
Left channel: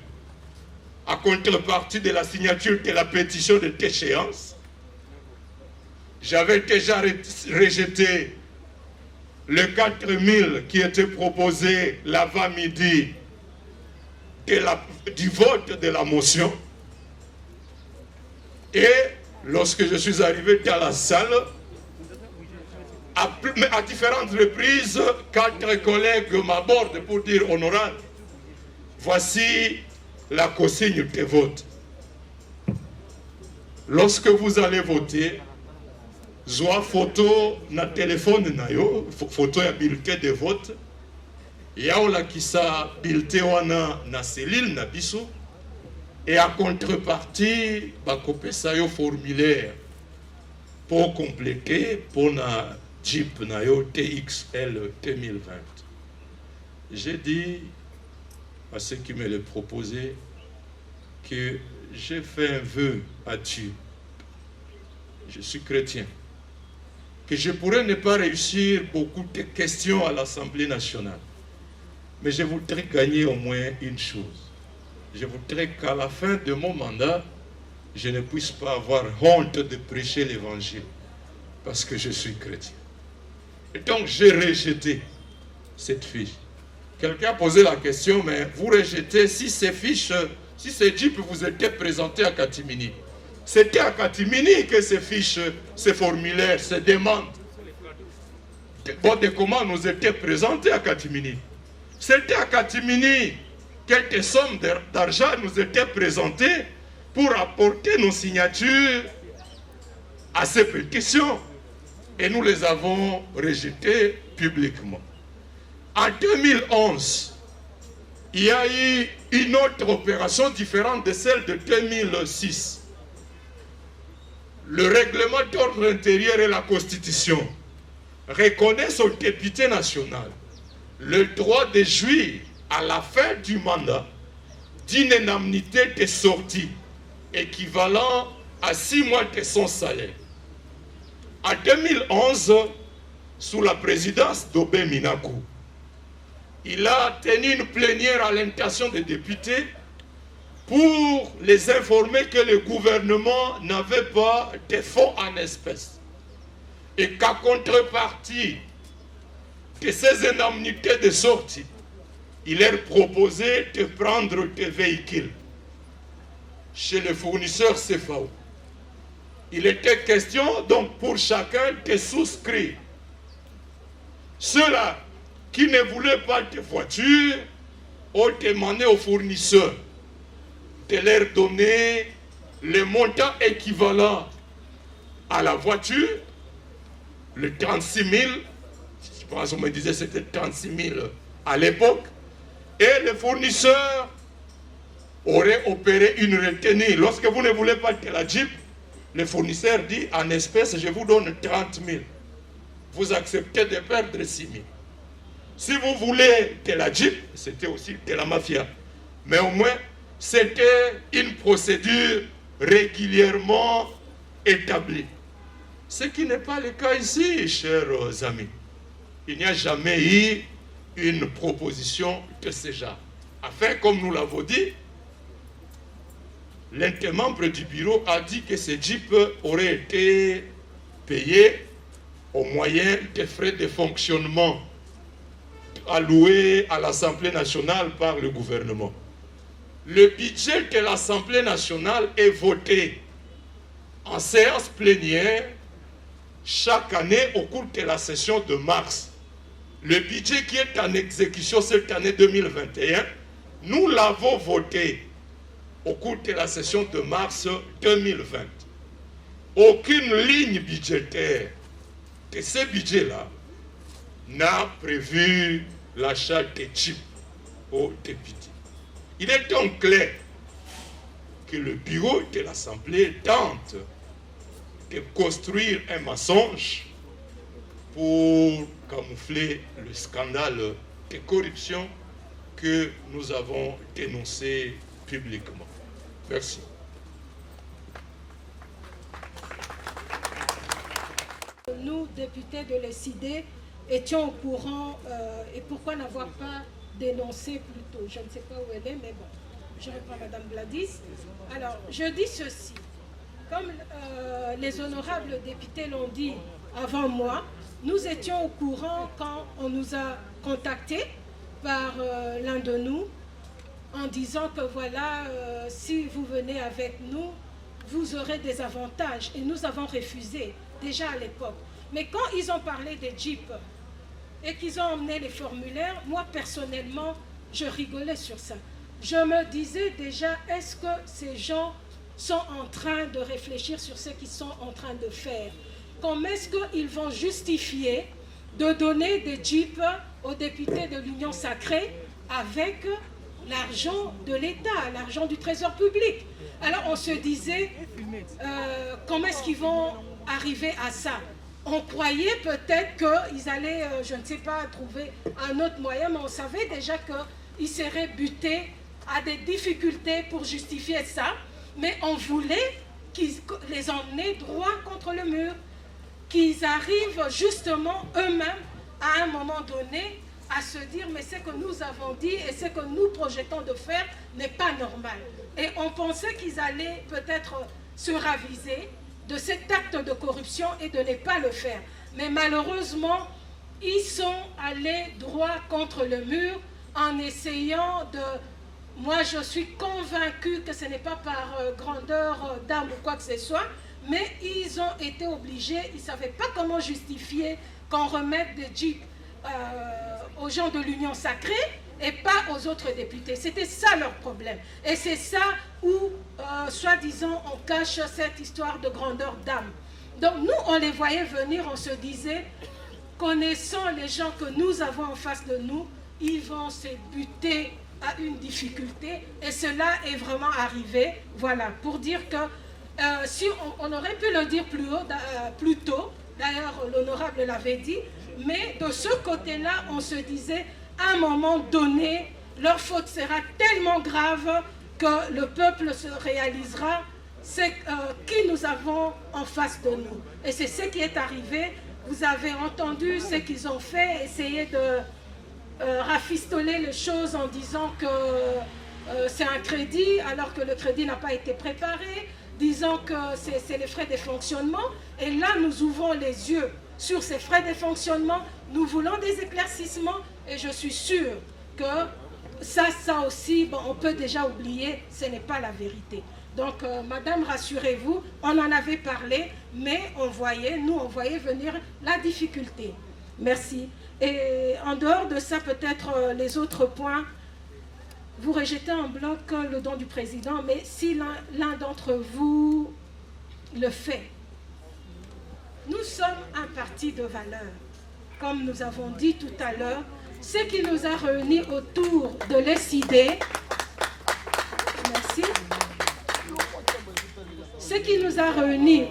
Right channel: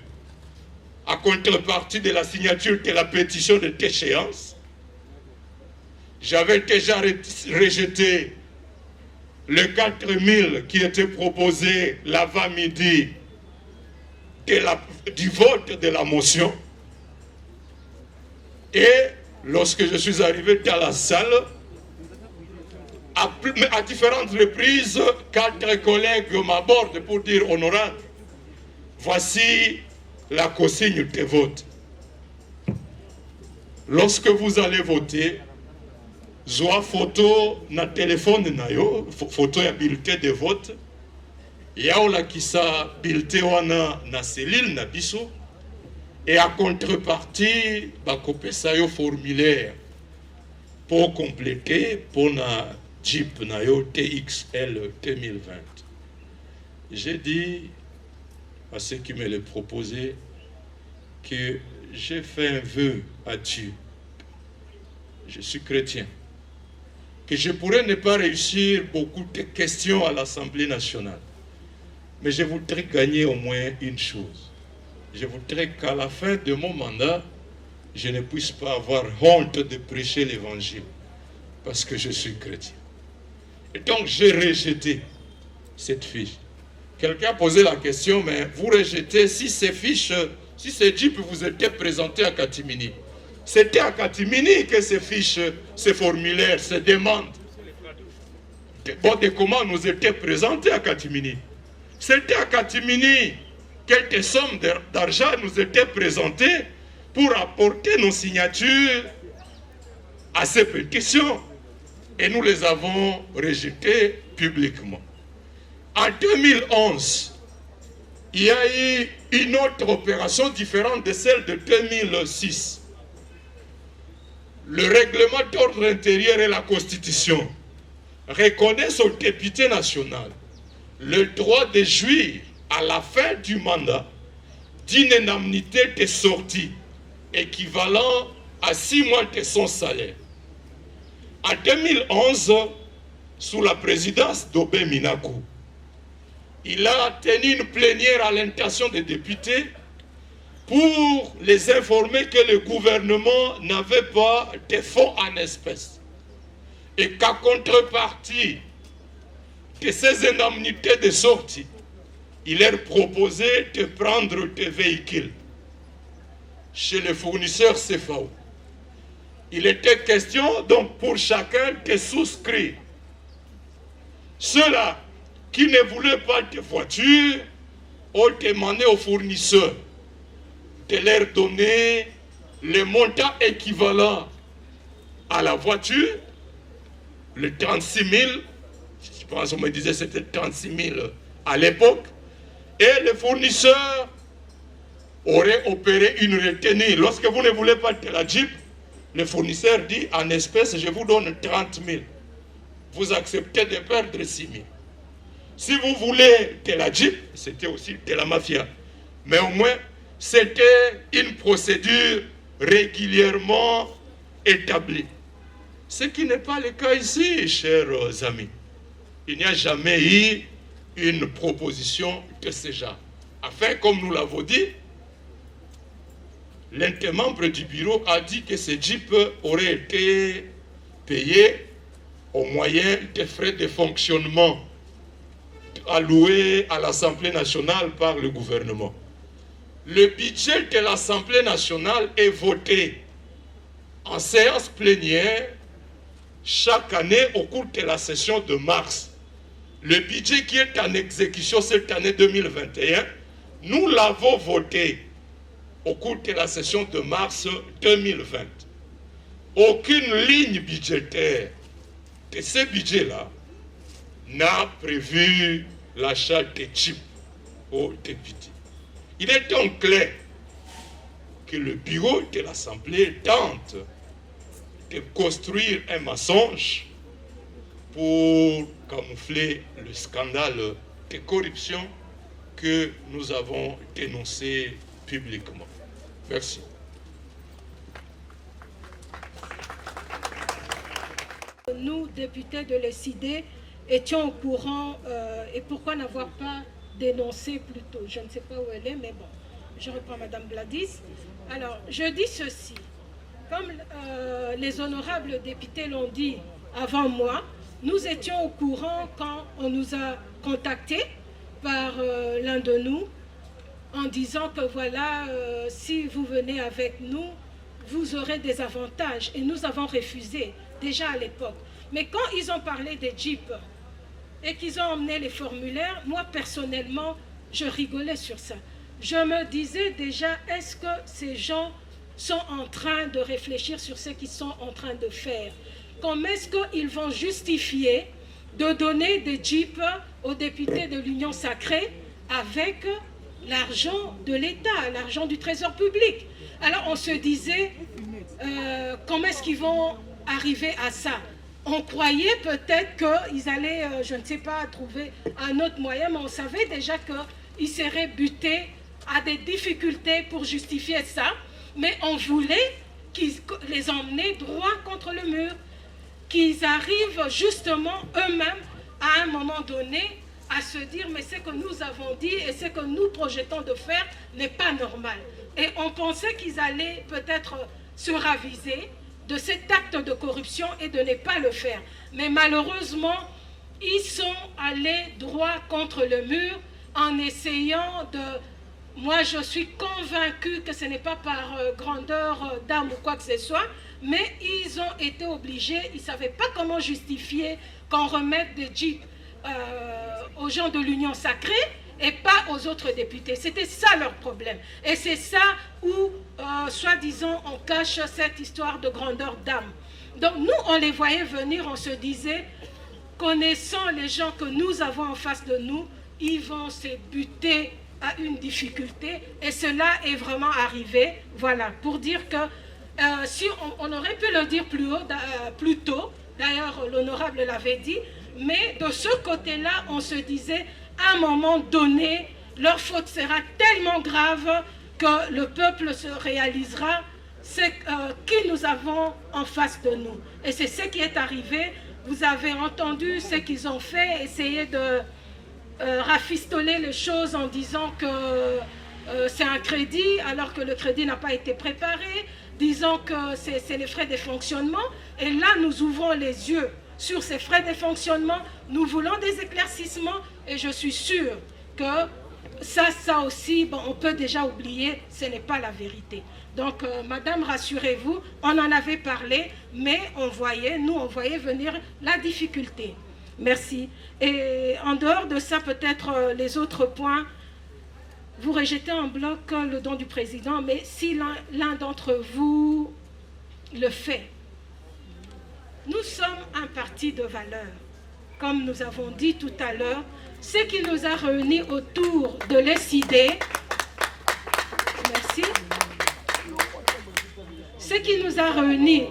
à contrepartie de la signature de la pétition de déchéance. J'avais déjà rejeté le 4000 qui était proposé l'avant-midi du vote de la motion. Et lorsque je suis arrivé dans la salle, à différentes reprises, 4 collègues m'abordent pour dire honorable, voici la consigne de vote. Lorsque vous allez voter, zoa photo na téléphone na yo, photo ya bulletin de vote, yaola kisa bulletin wana na cellule na biso, et à contrepartie, bakopesa yo formulaire pour compléter pour na Jeep na yo TXL 2020. J'ai dit à ceux qui me le proposaient que j'ai fait un vœu à Dieu. Je suis chrétien. Que je pourrais ne pas réussir beaucoup de questions à l'Assemblée nationale. Mais je voudrais gagner au moins une chose. Je voudrais qu'à la fin de mon mandat, je ne puisse pas avoir honte de prêcher l'évangile. Parce que je suis chrétien. Et donc j'ai rejeté cette fiche. Quelqu'un a posé la question, mais vous rejetez si ces fiches, si ces JIP vous étaient présentés à Katimini. C'était à Katimini que ces fiches, ces formulaires, ces demandes, bon de comment nous étaient présentés à Katimini. C'était à Katimini quelques sommes d'argent nous étaient présentées pour apporter nos signatures à ces pétitions. Et nous les avons rejetées publiquement. En 2011, il y a eu une autre opération différente de celle de 2006. Le règlement d'ordre intérieur et la Constitution reconnaissent au député national le droit de jouir à la fin du mandat d'une indemnité de sortie équivalent à 6 mois de son salaire. En 2011, sous la présidence d'Obé Minakou, il a tenu une plénière à l'intention des députés pour les informer que le gouvernement n'avait pas de fonds en espèces et qu'à contrepartie de ces indemnités de sortie, il leur proposait de prendre des véhicules chez les fournisseurs CFAO. Il était question donc pour chacun de souscrire. Ceux-là qui ne voulaient pas de voiture ont demandé aux fournisseurs de leur donner le montant équivalent à la voiture, le 36 000, je pense qu'on me disait c'était 36 000 à l'époque, et les fournisseurs auraient opéré une retenue. Lorsque vous ne voulez pas de la Jeep, le fournisseur dit en espèces, je vous donne 30 000. Vous acceptez de perdre 6 000. Si vous voulez de la Jeep, c'était aussi de la mafia. Mais au moins, c'était une procédure régulièrement établie. Ce qui n'est pas le cas ici, chers amis. Il n'y a jamais eu une proposition de ce genre. Enfin, comme nous l'avons dit, l'un des membres du bureau a dit que ces Jeeps auraient été payés au moyen des frais de fonctionnement alloués à l'Assemblée nationale par le gouvernement. Le budget de l'Assemblée nationale est voté en séance plénière chaque année au cours de la session de mars. Le budget qui est en exécution cette année 2021, nous l'avons voté au cours de la session de mars 2020. Aucune ligne budgétaire de ce budget-là n'a prévu l'achat de chips aux députés. Il est donc clair que le bureau de l'Assemblée tente de construire un mensonge pour camoufler le scandale de corruption que nous avons dénoncé publiquement. Merci. Nous, députés de l'ESID, étions au courant et pourquoi n'avoir pas dénoncé plus tôt. Je ne sais pas où elle est, mais bon, je reprends Madame Gladys. Alors, je dis ceci. Comme les honorables députés l'ont dit avant moi, nous étions au courant quand on nous a contactés par l'un de nous en disant que voilà, si vous venez avec nous, vous aurez des avantages. Et nous avons refusé déjà à l'époque. Mais quand ils ont parlé des Jeeps et qu'ils ont emmené les formulaires, moi personnellement, je rigolais sur ça. Je me disais déjà, est-ce que ces gens sont en train de réfléchir sur ce qu'ils sont en train de faire? Comment est-ce qu'ils vont justifier de donner des Jeeps aux députés de l'Union sacrée avec l'argent de l'État, l'argent du Trésor public? Alors on se disait, comment est-ce qu'ils vont arriver à ça? On croyait peut-être qu'ils allaient, je ne sais pas, trouver un autre moyen, mais on savait déjà qu'ils seraient butés à des difficultés pour justifier ça. Mais on voulait qu'ils les emmenaient droit contre le mur, qu'ils arrivent justement eux-mêmes à un moment donné à se dire mais ce que nous avons dit et ce que nous projetons de faire n'est pas normal. Et on pensait qu'ils allaient peut-être se raviser de cet acte de corruption et de ne pas le faire. Mais malheureusement, ils sont allés droit contre le mur en essayant de... Moi, je suis convaincue que ce n'est pas par grandeur d'âme ou quoi que ce soit, mais ils ont été obligés, ils ne savaient pas comment justifier qu'on remette des Jeeps aux gens de l'Union sacrée et pas aux autres députés. C'était ça leur problème. Et c'est ça où, soi-disant, on cache cette histoire de grandeur d'âme. Donc nous, on les voyait venir, on se disait, connaissant les gens que nous avons en face de nous, ils vont se buter à une difficulté. Et cela est vraiment arrivé, voilà, pour dire que si on aurait pu le dire plus tôt, d'ailleurs l'honorable l'avait dit, mais de ce côté-là, on se disait, à un moment donné, leur faute sera tellement grave que le peuple se réalisera ce que nous avons en face de nous. Et c'est ce qui est arrivé. Vous avez entendu ce qu'ils ont fait, essayer de rafistoler les choses en disant que c'est un crédit, alors que le crédit n'a pas été préparé, disant que c'est les frais de fonctionnement. Et là, nous ouvrons les yeux sur ces frais de fonctionnement. Nous voulons des éclaircissements et je suis sûre que ça aussi, bon, on peut déjà oublier, ce n'est pas la vérité. Donc, madame, rassurez-vous, on en avait parlé, mais on voyait venir la difficulté. Merci. Et en dehors de ça, peut-être les autres points, vous rejetez en bloc le don du président, mais si l'un d'entre vous le fait, nous sommes un parti de valeurs. Comme nous avons dit tout à l'heure, ce qui nous a réunis autour de l'ESID, merci, ce qui nous a réunis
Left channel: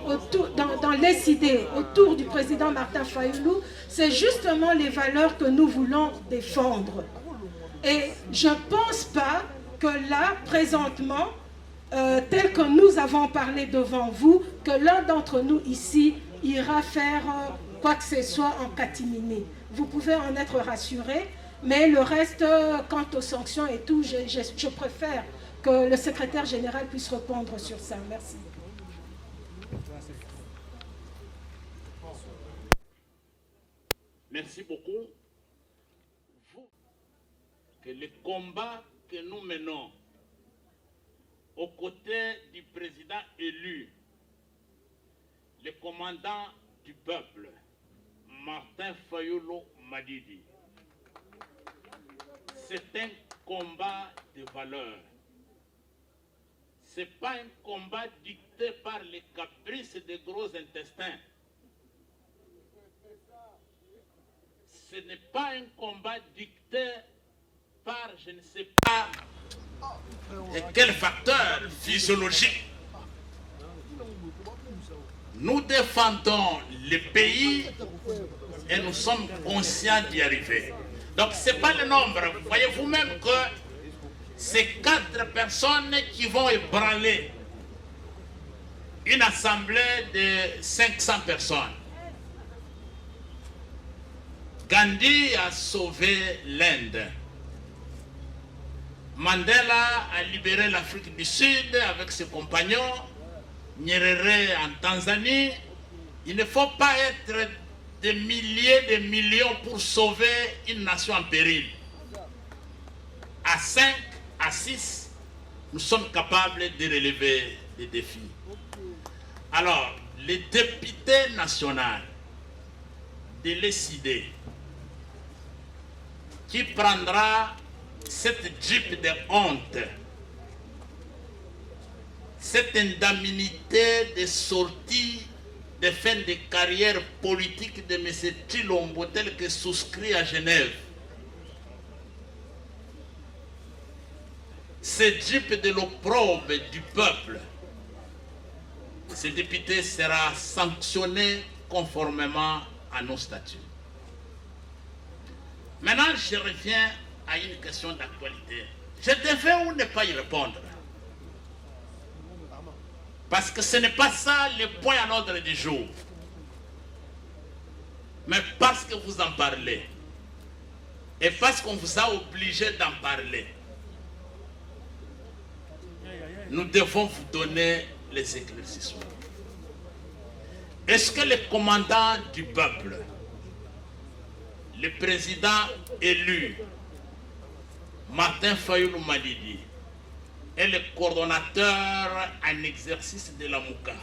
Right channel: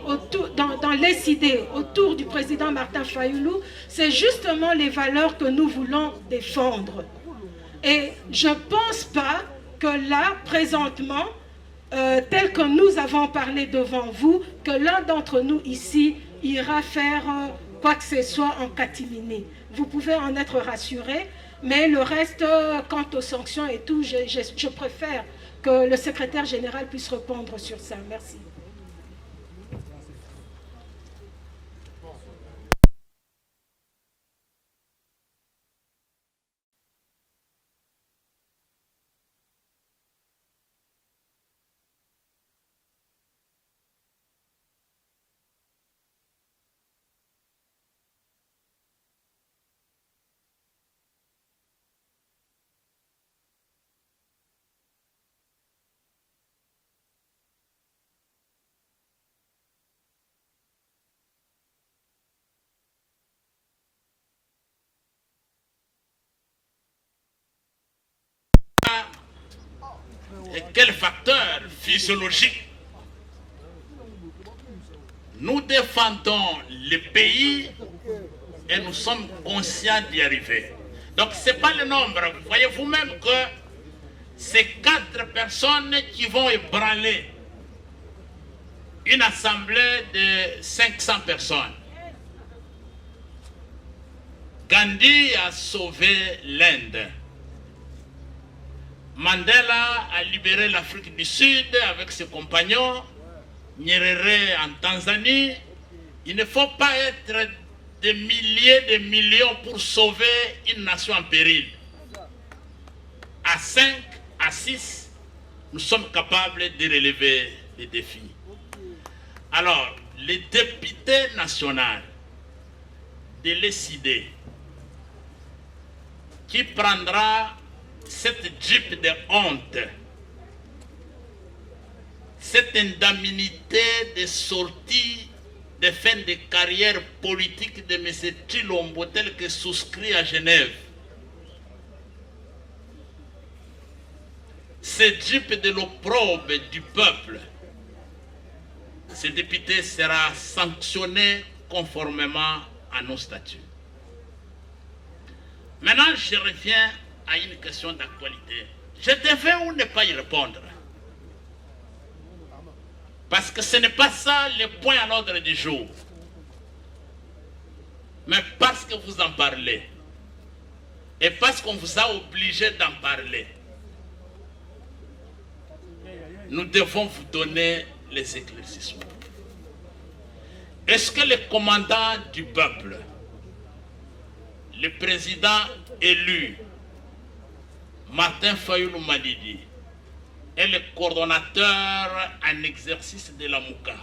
dans l'ESID autour du président Martin Fayulu, c'est justement les valeurs que nous voulons défendre. Et je ne pense pas que là, présentement, tel que nous avons parlé devant vous, que l'un d'entre nous ici ira faire quoi que ce soit en catimini. Vous pouvez en être rassurés, mais le reste, quant aux sanctions et tout, je préfère que le secrétaire général puisse répondre sur ça. Merci. Merci beaucoup. Que le combat que nous menons aux côtés du président élu, le commandant du peuple, Martin Fayulu Madidi, c'est un combat de valeurs. Ce n'est pas un combat dicté par les caprices des gros intestins. Ce n'est pas un combat dicté par je ne sais pas quel facteur physiologique. Nous défendons le pays et nous sommes conscients d'y arriver. Donc ce n'est pas le nombre. Vous voyez vous-même que c'est 4 personnes qui vont ébranler une assemblée de 500 personnes. Gandhi a sauvé l'Inde. Mandela a libéré l'Afrique du Sud avec ses compagnons. Nyerere en Tanzanie. Il ne faut pas être des milliers de millions pour sauver une nation en péril. À 5, à 6, nous sommes capables de relever les défis. Alors, les députés nationaux de l'ECD qui prendra cette jeep de honte, cette indemnité de sortie de fin de carrière politique de M. Tshilombo tel que souscrit à Genève. Ce jeep de l'opprobre du peuple, ce député sera sanctionné conformément à nos statuts. Maintenant, je reviens à une question d'actualité. Je devais ou ne pas y répondre? Parce que ce n'est pas ça le point à l'ordre du jour. Mais parce que vous en parlez, et parce qu'on vous a obligé d'en parler, nous devons vous donner les éclaircissements. Est-ce que le commandant du peuple, le président élu, Martin Fayoulou Malidi, est le coordonnateur en exercice de la Mouka,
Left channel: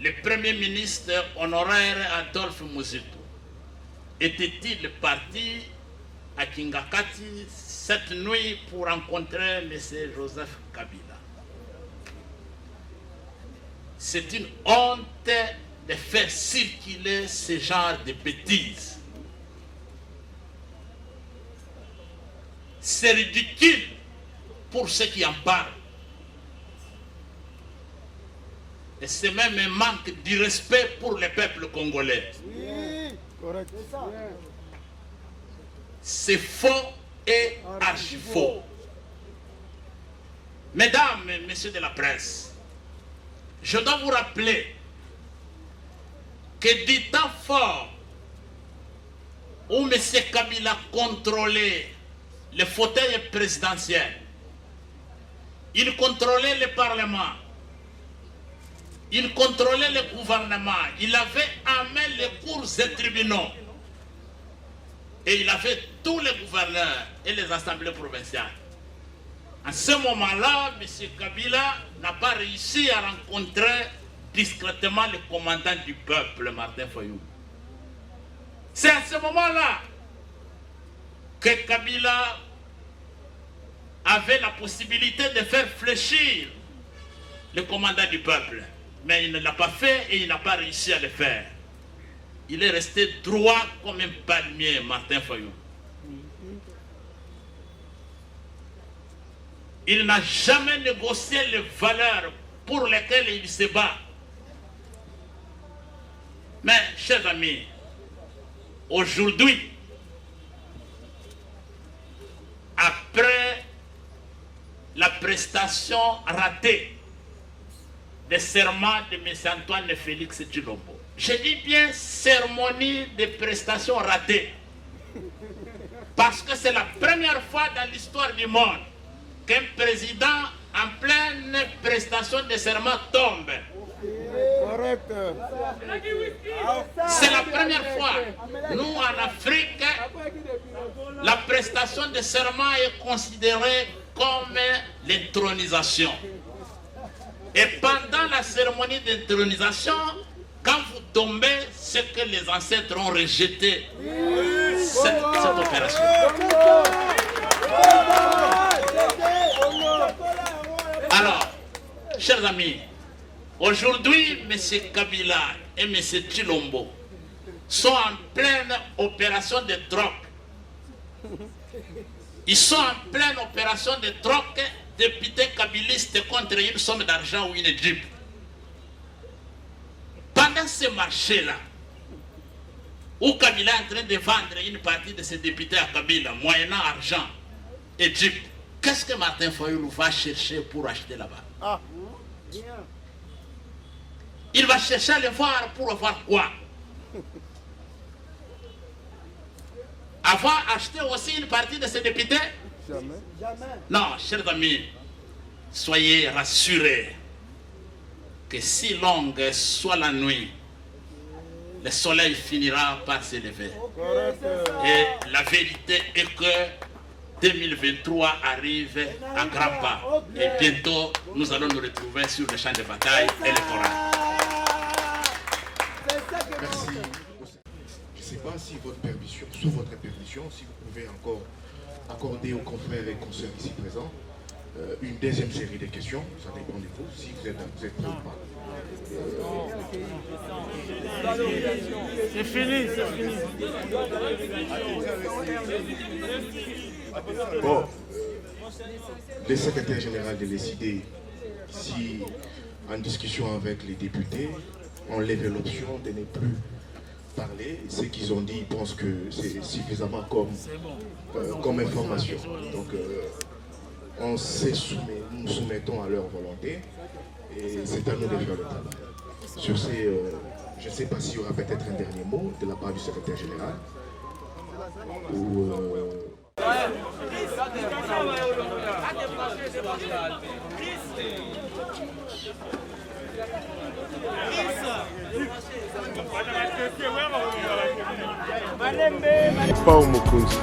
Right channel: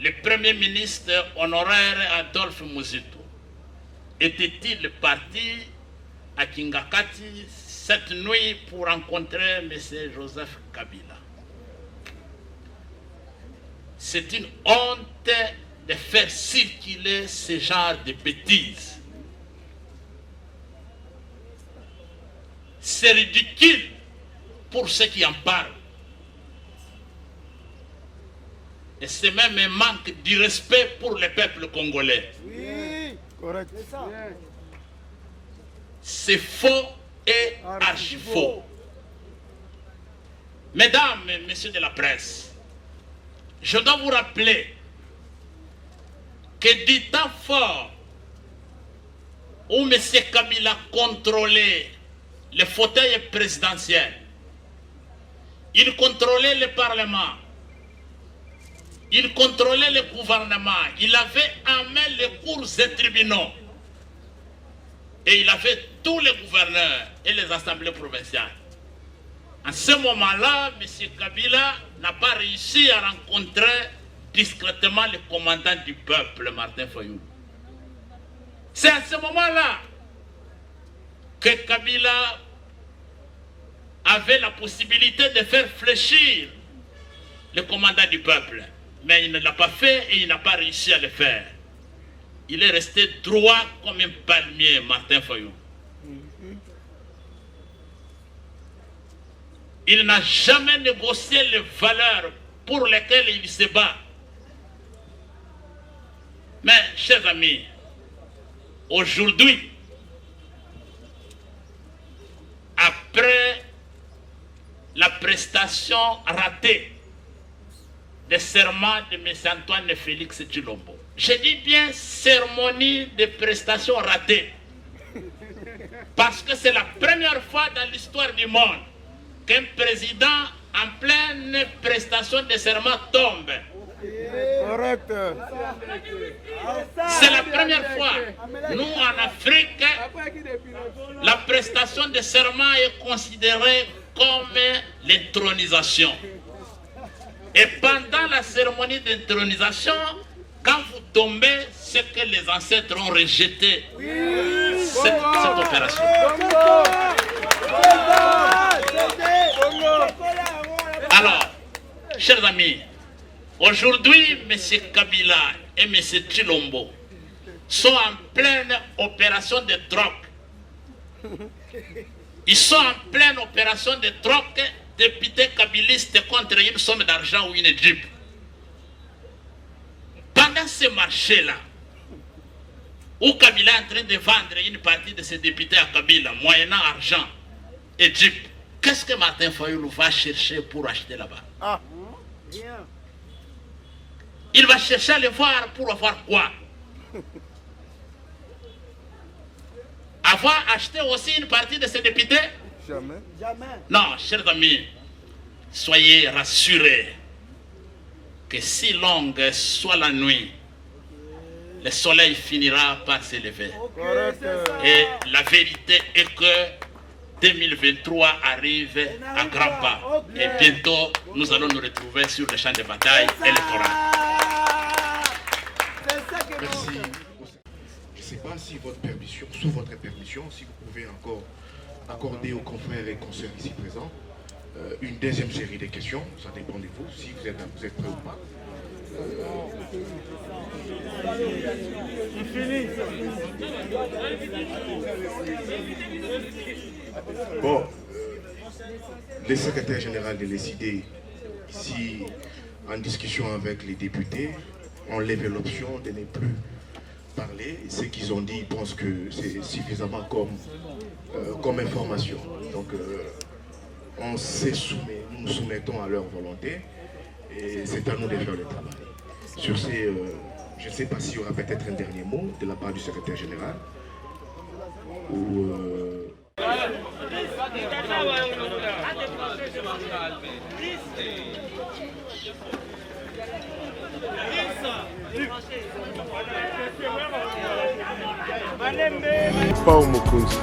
le premier ministre honoraire Adolphe Muzito, était-il parti à Kingakati cette nuit pour rencontrer M. Joseph Kabila? C'est une honte de faire circuler ce genre de bêtises. C'est ridicule pour ceux qui en parlent. Et c'est même un manque de respect pour le peuple congolais. Oui, correct. C'est faux et archi faux. Mesdames et messieurs de la presse, je dois vous rappeler que du temps fort où M. Kabila contrôlait le fauteuil présidentiel, il contrôlait le Parlement, il contrôlait le gouvernement, il avait en main les cours et tribunaux, et il avait tous les gouverneurs et les assemblées provinciales. En ce moment-là, M. Kabila n'a pas réussi à rencontrer discrètement le commandant du peuple, Martin Fayoulou. C'est à ce moment-là que Kabila avait la possibilité de faire fléchir le commandant du peuple. Mais il ne l'a pas fait et il n'a pas réussi à le faire. Il est resté droit comme un palmier, Martin Fayoulou. Il n'a jamais négocié les valeurs pour lesquelles il se bat. Mais, chers amis, aujourd'hui, après la prestation ratée des serments de M. Antoine Félix Tshilombo, je dis bien cérémonie de prestation ratée, parce que c'est la première fois dans l'histoire du monde qu'un président en pleine prestation de serment tombe. Correct. C'est la première fois. Nous, en Afrique, la prestation de serment est considérée comme l'intronisation. Et pendant la cérémonie d'intronisation, quand vous tombez, c'est que les ancêtres ont rejeté cette opération. Alors, chers amis, aujourd'hui, M. Kabila et M. Chilombo sont en pleine opération de drogue. Ils sont en pleine opération de drogue, députés kabilistes contre une somme d'argent ou une jeep. Pendant ce marché-là, où Kabila est en train de vendre une partie de ses députés à Kabila, moyennant argent et jeep, qu'est-ce que Martin Fayoulou va chercher pour acheter là-bas? Il va chercher à le voir pour avoir quoi? Avoir acheté aussi une partie de ses députés? Jamais. Non, chers amis, soyez rassurés que si longue soit la nuit, le soleil finira par s'élever. Et la vérité est que 2023 arrive à grands pas. Et bientôt, nous allons nous retrouver sur le champ de bataille électoral. Merci. Je ne sais pas si votre permission, sous votre permission, si vous pouvez encore accorder aux confrères et consoeurs ici présents une deuxième série de questions. Ça dépend de vous, si vous êtes prêts ou pas. C'est fini, c'est fini. Bon, le secrétaire général de l'ESID, ici, en discussion avec les députés, ont levé l'option de ne plus parler. Ce qu'ils ont dit, ils pensent que c'est suffisamment comme information. Donc, on nous soumettons à leur volonté et c'est à nous de faire le travail. Sur ces, je ne sais pas s'il y aura peut-être un dernier mot de la part du secrétaire général. Ou, Pas au Mokunzi.